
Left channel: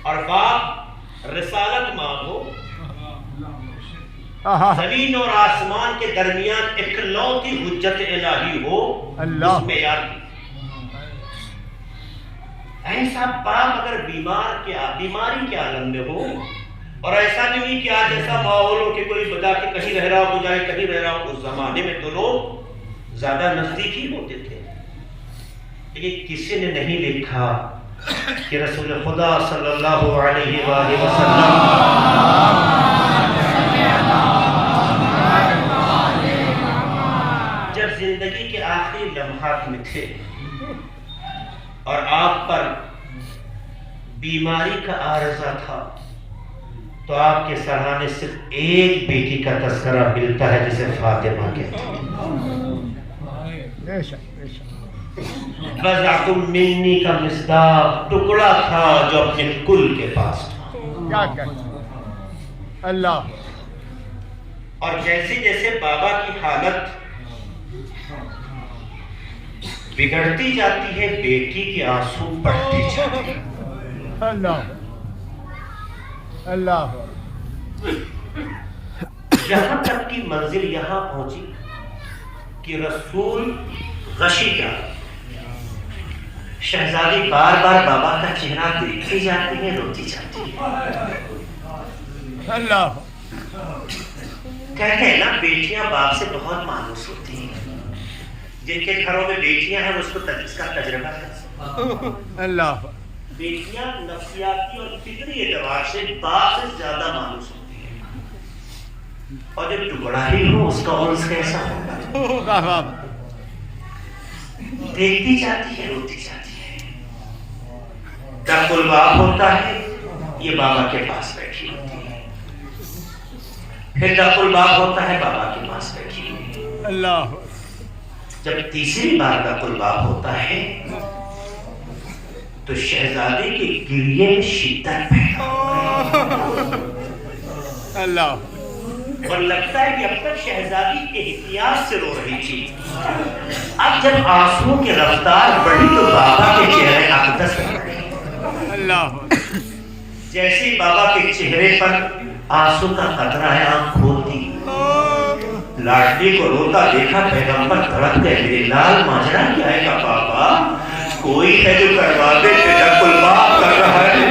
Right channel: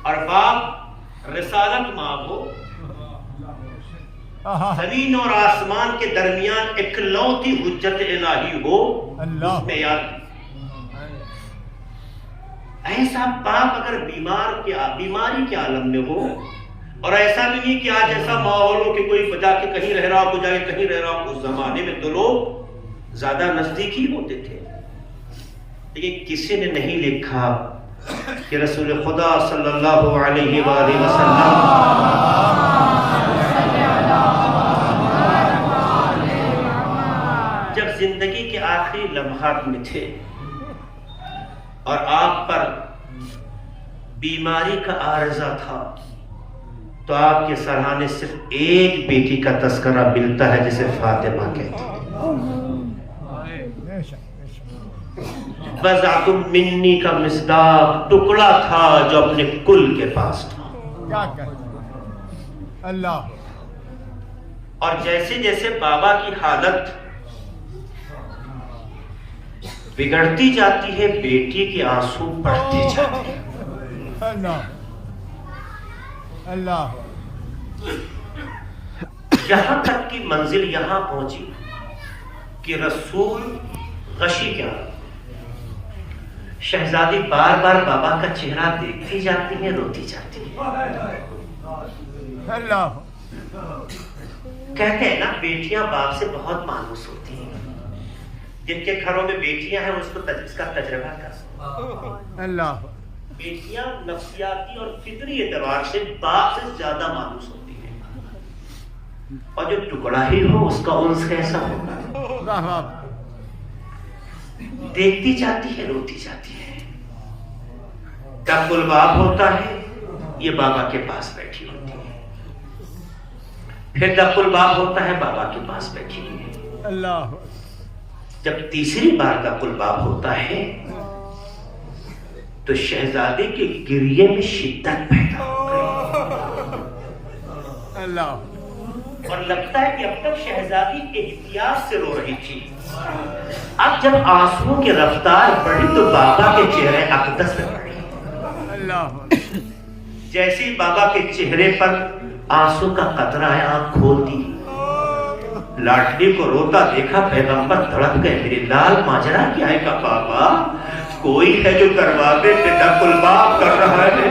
اور باپ رسالت مانگو, زمین اور آسمان کے درمیان اکلوتی حجت الہی ہو, اس میں یاد. ایسا باپ اگر بیماری کے عالم میں ہو, اور ایسا نہیں کہ آج ایسا ماحول ہو کہ کوئی بجا کے کہیں رہ رہا ہو تو جائے کہیں رہ رہا ہو. اس زمانے میں تو لوگ زیادہ نزدیک ہی ہوتے تھے. لیکن کسی نے نہیں لکھا کہ رسول خدا صلی اللہ علیہ وآلہ وسلم جب زندگی کے آخری لمحات میں تھے اور آپ پر بیماری کا عارضہ تھا تو آپ کے سرانے صرف ایک بیٹی کا تذکرہ ملتا ہے جسے فاطمہ کہتے ہیں. بضعۃ منی کا مصداق ٹکڑا تھا جو اپنے کل کے پاس تھا. اللہ. اور جیسے جیسے بابا کی حالت بگڑتی جاتی ہے بیٹی کے آنسو بڑھتے جاتے ہیں. اللہ اللہ. یہاں تک کی منزل یہاں پہنچی کہ رسول غشی کیا, شہزادی بار بار بابا کا چہرہ دیکھتی جاتی ہے, روتی جاتی ہے. اللہ. کہتے ہیں نا بیٹیاں باپ سے بہت مانوس ہوتی ہیں. جن کے گھروں میں بیٹیاں ہیں اس کو اس کا تجربہ کر سکتے. اللہ. بیٹیاں نفسیاتی اور فطری اعتبار سے باپ سے زیادہ مانوس ہوتی ہیں, اور جو ٹکڑا ہی ہو اس کا انس کیسا ہوگا. دیکھتی جاتی ہے, روتی جاتی ہے. جب گلباب ہوتا ہے یہ بابا کے پاس بیٹھی ہوتی ہے, پھر جب گلباب ہوتا ہے بابا کے پاس بیٹھی ہوتی ہے. اللہ. جب تیسری بار کا گلباب ہوتا ہے تو شہزادے کے گریے میں شدت پیدا ہوتی ہے. اللہ. اور لگتا ہے کہ اب تک شہزادی احتیاط سے رو رہی تھی, اب جب آنسو کی رفتار بڑھی تو بابا کے چہرے اقدس کر رہے. اللہ. جیسی بابا کے چہرے پر آنسو کا قطرہ ہے, آنکھ کھولتی, لاڈلی کو روتا دیکھا پیغمبر دھڑک گئے. میرے لال ماجرا کیا ہے؟ بابا کوئی ہے جو کروا دے, تیرا قربان کر رہا ہے.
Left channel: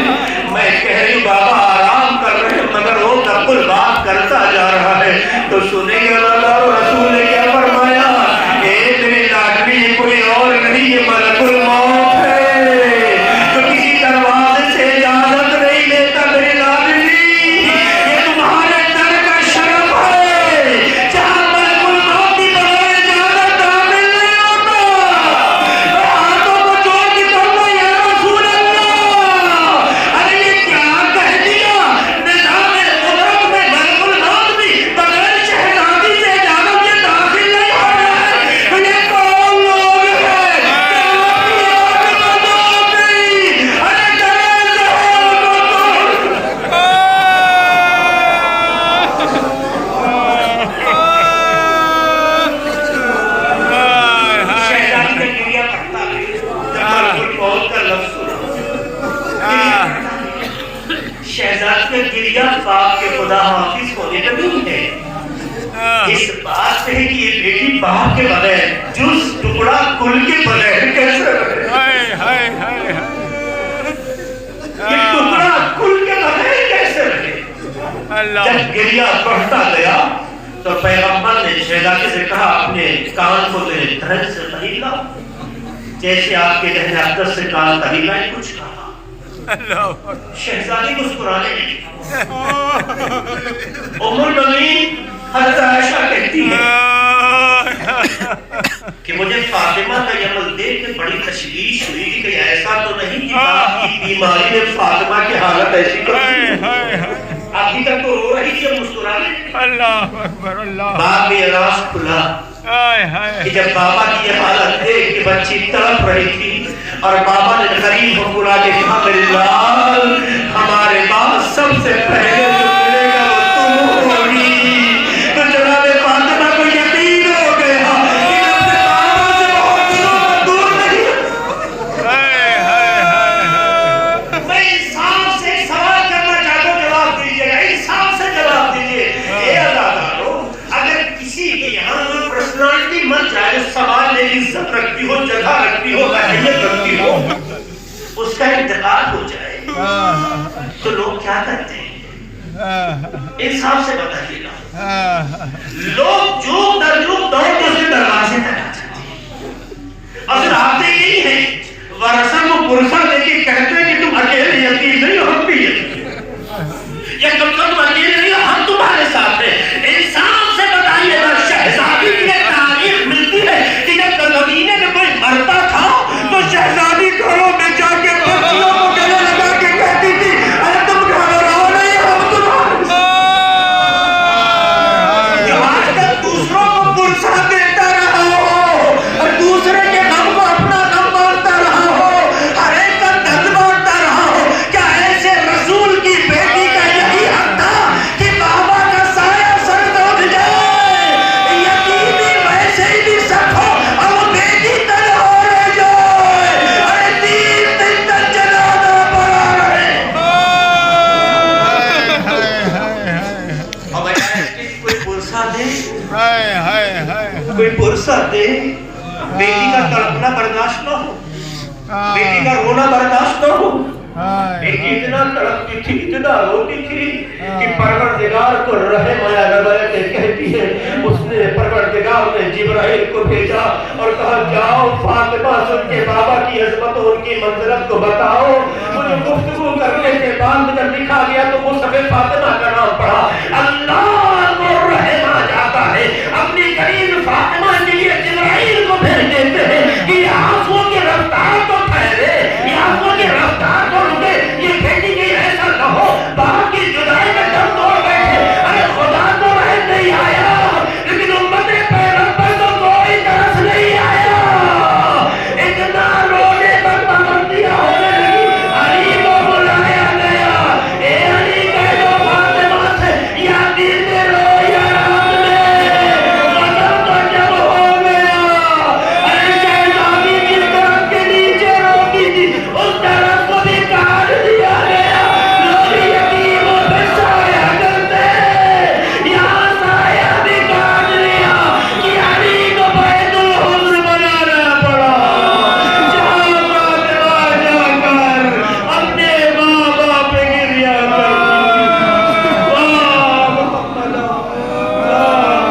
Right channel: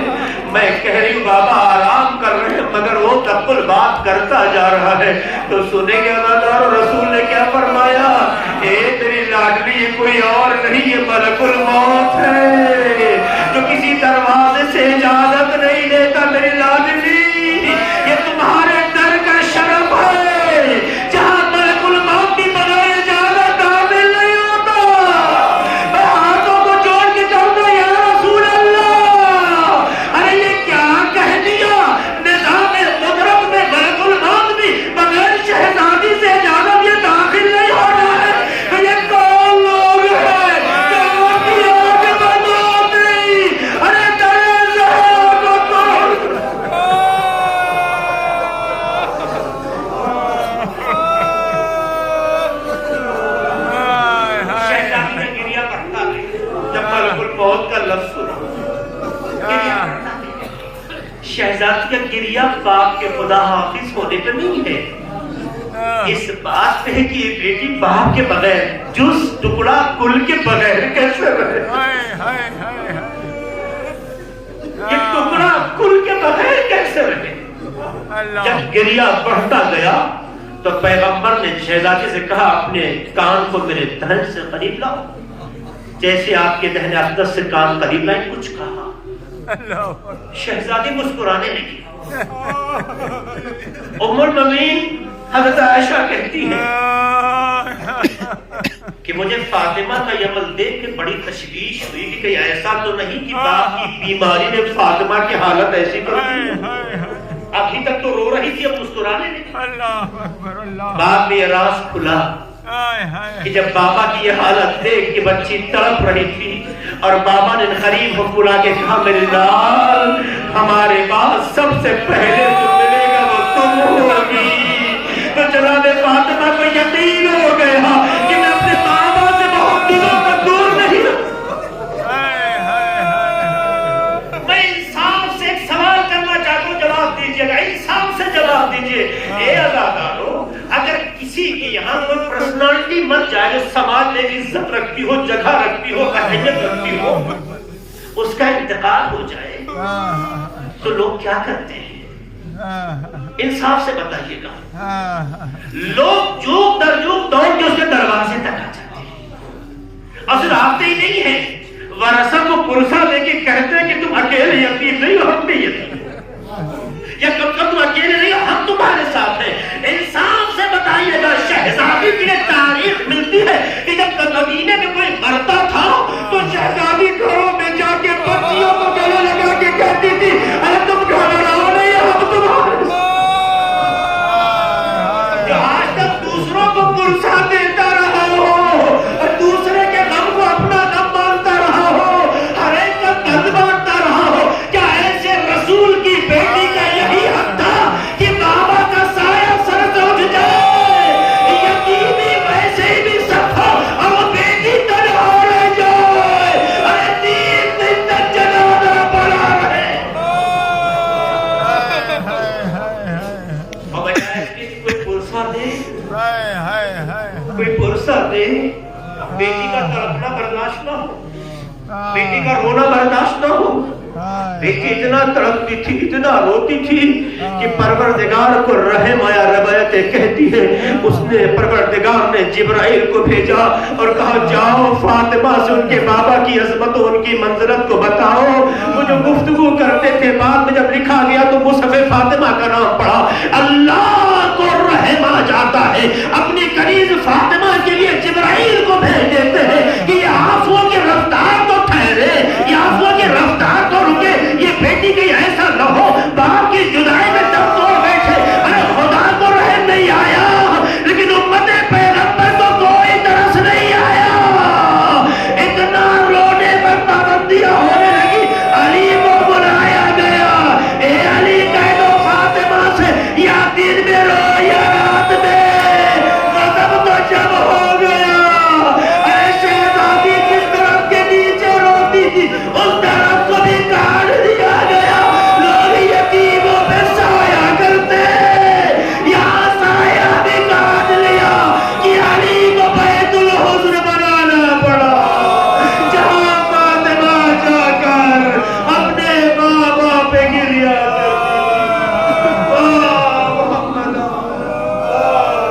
میں کہہ رہی بابا آرام کر رہے, مگر وہ تقل بات کرتا جا رہا ہے. تو سنیں گے اللہ رسول نے کیا فرمایا, خدا حافظ ہونے کا نہیں ہے، اس بات پہ کہ یہ بیٹی باپ کے بغیر جز ٹکڑا کل کے بغیر کیسے رہے، یہ ٹکڑا کل کے بغیر کیسے رہے۔ جب گریہ بڑھتا گیا تو پیغمبر نے شہزادے سے کہا اپنے کان کو میرے دھڑ سے قریب لاؤ، جیسے آپ کے گہرے اقدس سے کان قریب لائے، کچھ کہا، شہزادی مسکرانے لگی۔ ام المؤمنین حضرت عائشہ کہتی ہے کہ مجھے فاطمہ کا یہ عمل دیکھ کے بڑی تشویش ہوئی کہ ایسا تو نہیں کہ باپ کی بیماری نے فاطمہ کی حالت ایسی کر دی، ابھی تک تو رو رہی تھی، اب مسکرانے لگی۔ اللہ اکبر، اللہ باپ بھی راز کھلا کہ جب بابا کی یہ حالت دیکھ کہ بچی تڑپ رہی تھی اور بابا نے غریب مسکرا کے کہا میرے لال ہمارے پاس سب سے پہلے جو ملے گا وہ تم ہوگی، تو جناب فاطمہ کو یقین ہو گیا کہ اپنے بابا سے بہت دنوں پر دور نہیں۔ میں انسان سے ایک سوال کرنا چاہتا ہوں، جواب دیجیے گا، انسان سے جواب دیجیے۔ اے عزادارو، اگر کسی کی یہاں کوئی پرسنالٹی مر جائے، سماج میں عزت رکھتی ہو، جگہ رکھتی ہو، اہمیت رکھتی ہو، اس کا انتقال ہو جائے تو لوگ کیا کرتے ہیں؟ انصاف سے بتائیے گا، لوگ جوک در جوک دوڑ کے اسے دروازے تک آ جاتے ہیں، اصل آتے ہی نہیں ہیں، ورثہ کو پرسہ دے کے کہتے ہیں کہ تم اکیلے یتیم نہیں ہو، ہم بھی یتیم، یا کب تم اکیلے نہیں ہو، ہم تمہارے ساتھ ہیں۔ انصاف سے بتائیے گا، شہزادی کی ایک تاریخ ملتی ہے کہ جب مدینے میں کوئی مرتا تھا تو شہزادی گھروں میں جا کے بچیوں کو گلے لگا کے کہتی تھی اے تم گھبراؤ نہیں، ہم تمہارے جو آج تک دوسروں کو پرسہ دیتا رہا ہو، دوسرے کے غم کو اپنا غم مانتا رہا ہو، ہر ایک کا درد مانتا رہا ہو، کیا ایسے رسول کی بیٹی کا یہی حق تھا کہ بابا کا سایہ سر پہ اٹھ جائے، یتیمی ویسے ہی بھی سکھ ہو اور بیٹی تنہا رہ جائے، ارے 3 دن تک جنازہ پڑا رہے، اور بجائے کہ کوئی پرسہ دے، کوئی پرسہ دے، بیٹی کا تڑپنا برداشت نہ ہو، بیٹی کا رونا برداشت نہ ہو۔ بیٹی اتنا تڑپتی تھی، اتنا روتی تھی کہ پروردگار کو رحم آیا، روایت کہتی ہے اس نے پروردگار نے جبرائیل کو بھیجا اور کہا جاؤ فاطمہ سے ان کے بابا کی عظمت و ان کی منزلت کو بتاؤ۔ وہ جو گفتگو کرتے تھے، بعد میں جب لکھا گیا تو مصحف فاطمہ کا نام پڑھا۔ اللہ کو رحم آ جاتا ہے، اپنی قریب فاطمہ کے لیے جبرائیل کو بھیج دیتے ہیں کہ یہ آنسوؤں کی رفتار کو ٹھہرے، یہ آنسوؤں کی رفتار کو رکے، یہ بیٹی کی ایسا نہ ہو باپ کی جدائی میں دم توڑ بیٹھے۔ ارے خدا کو رحم نہیں آیا، لیکن امت پیغمبر کو کوئی ترس نہیں آیا، اتنا رونے پر پابندیاں ہونے لگی۔ علی کو بلایا گیا، اے علی کہہ دو فاطمہ سے یا دن میں رو یا رات میں، غضب تو جب ہو گیا۔ ارے شہزادی جس درخت کے نیچے روتی تھی اس درخت کو بھی کاٹ دیا گیا، لوگ یتیموں پہ سایہ کرتے، یہاں سایہ بھی کاٹ لیا کہ علی کو بیت الحزن بنانا پڑا۔ جہاں فاطمہ جا کر اپنے بابا پہ گریہ کرتی تھی، واہ محمد اللہ،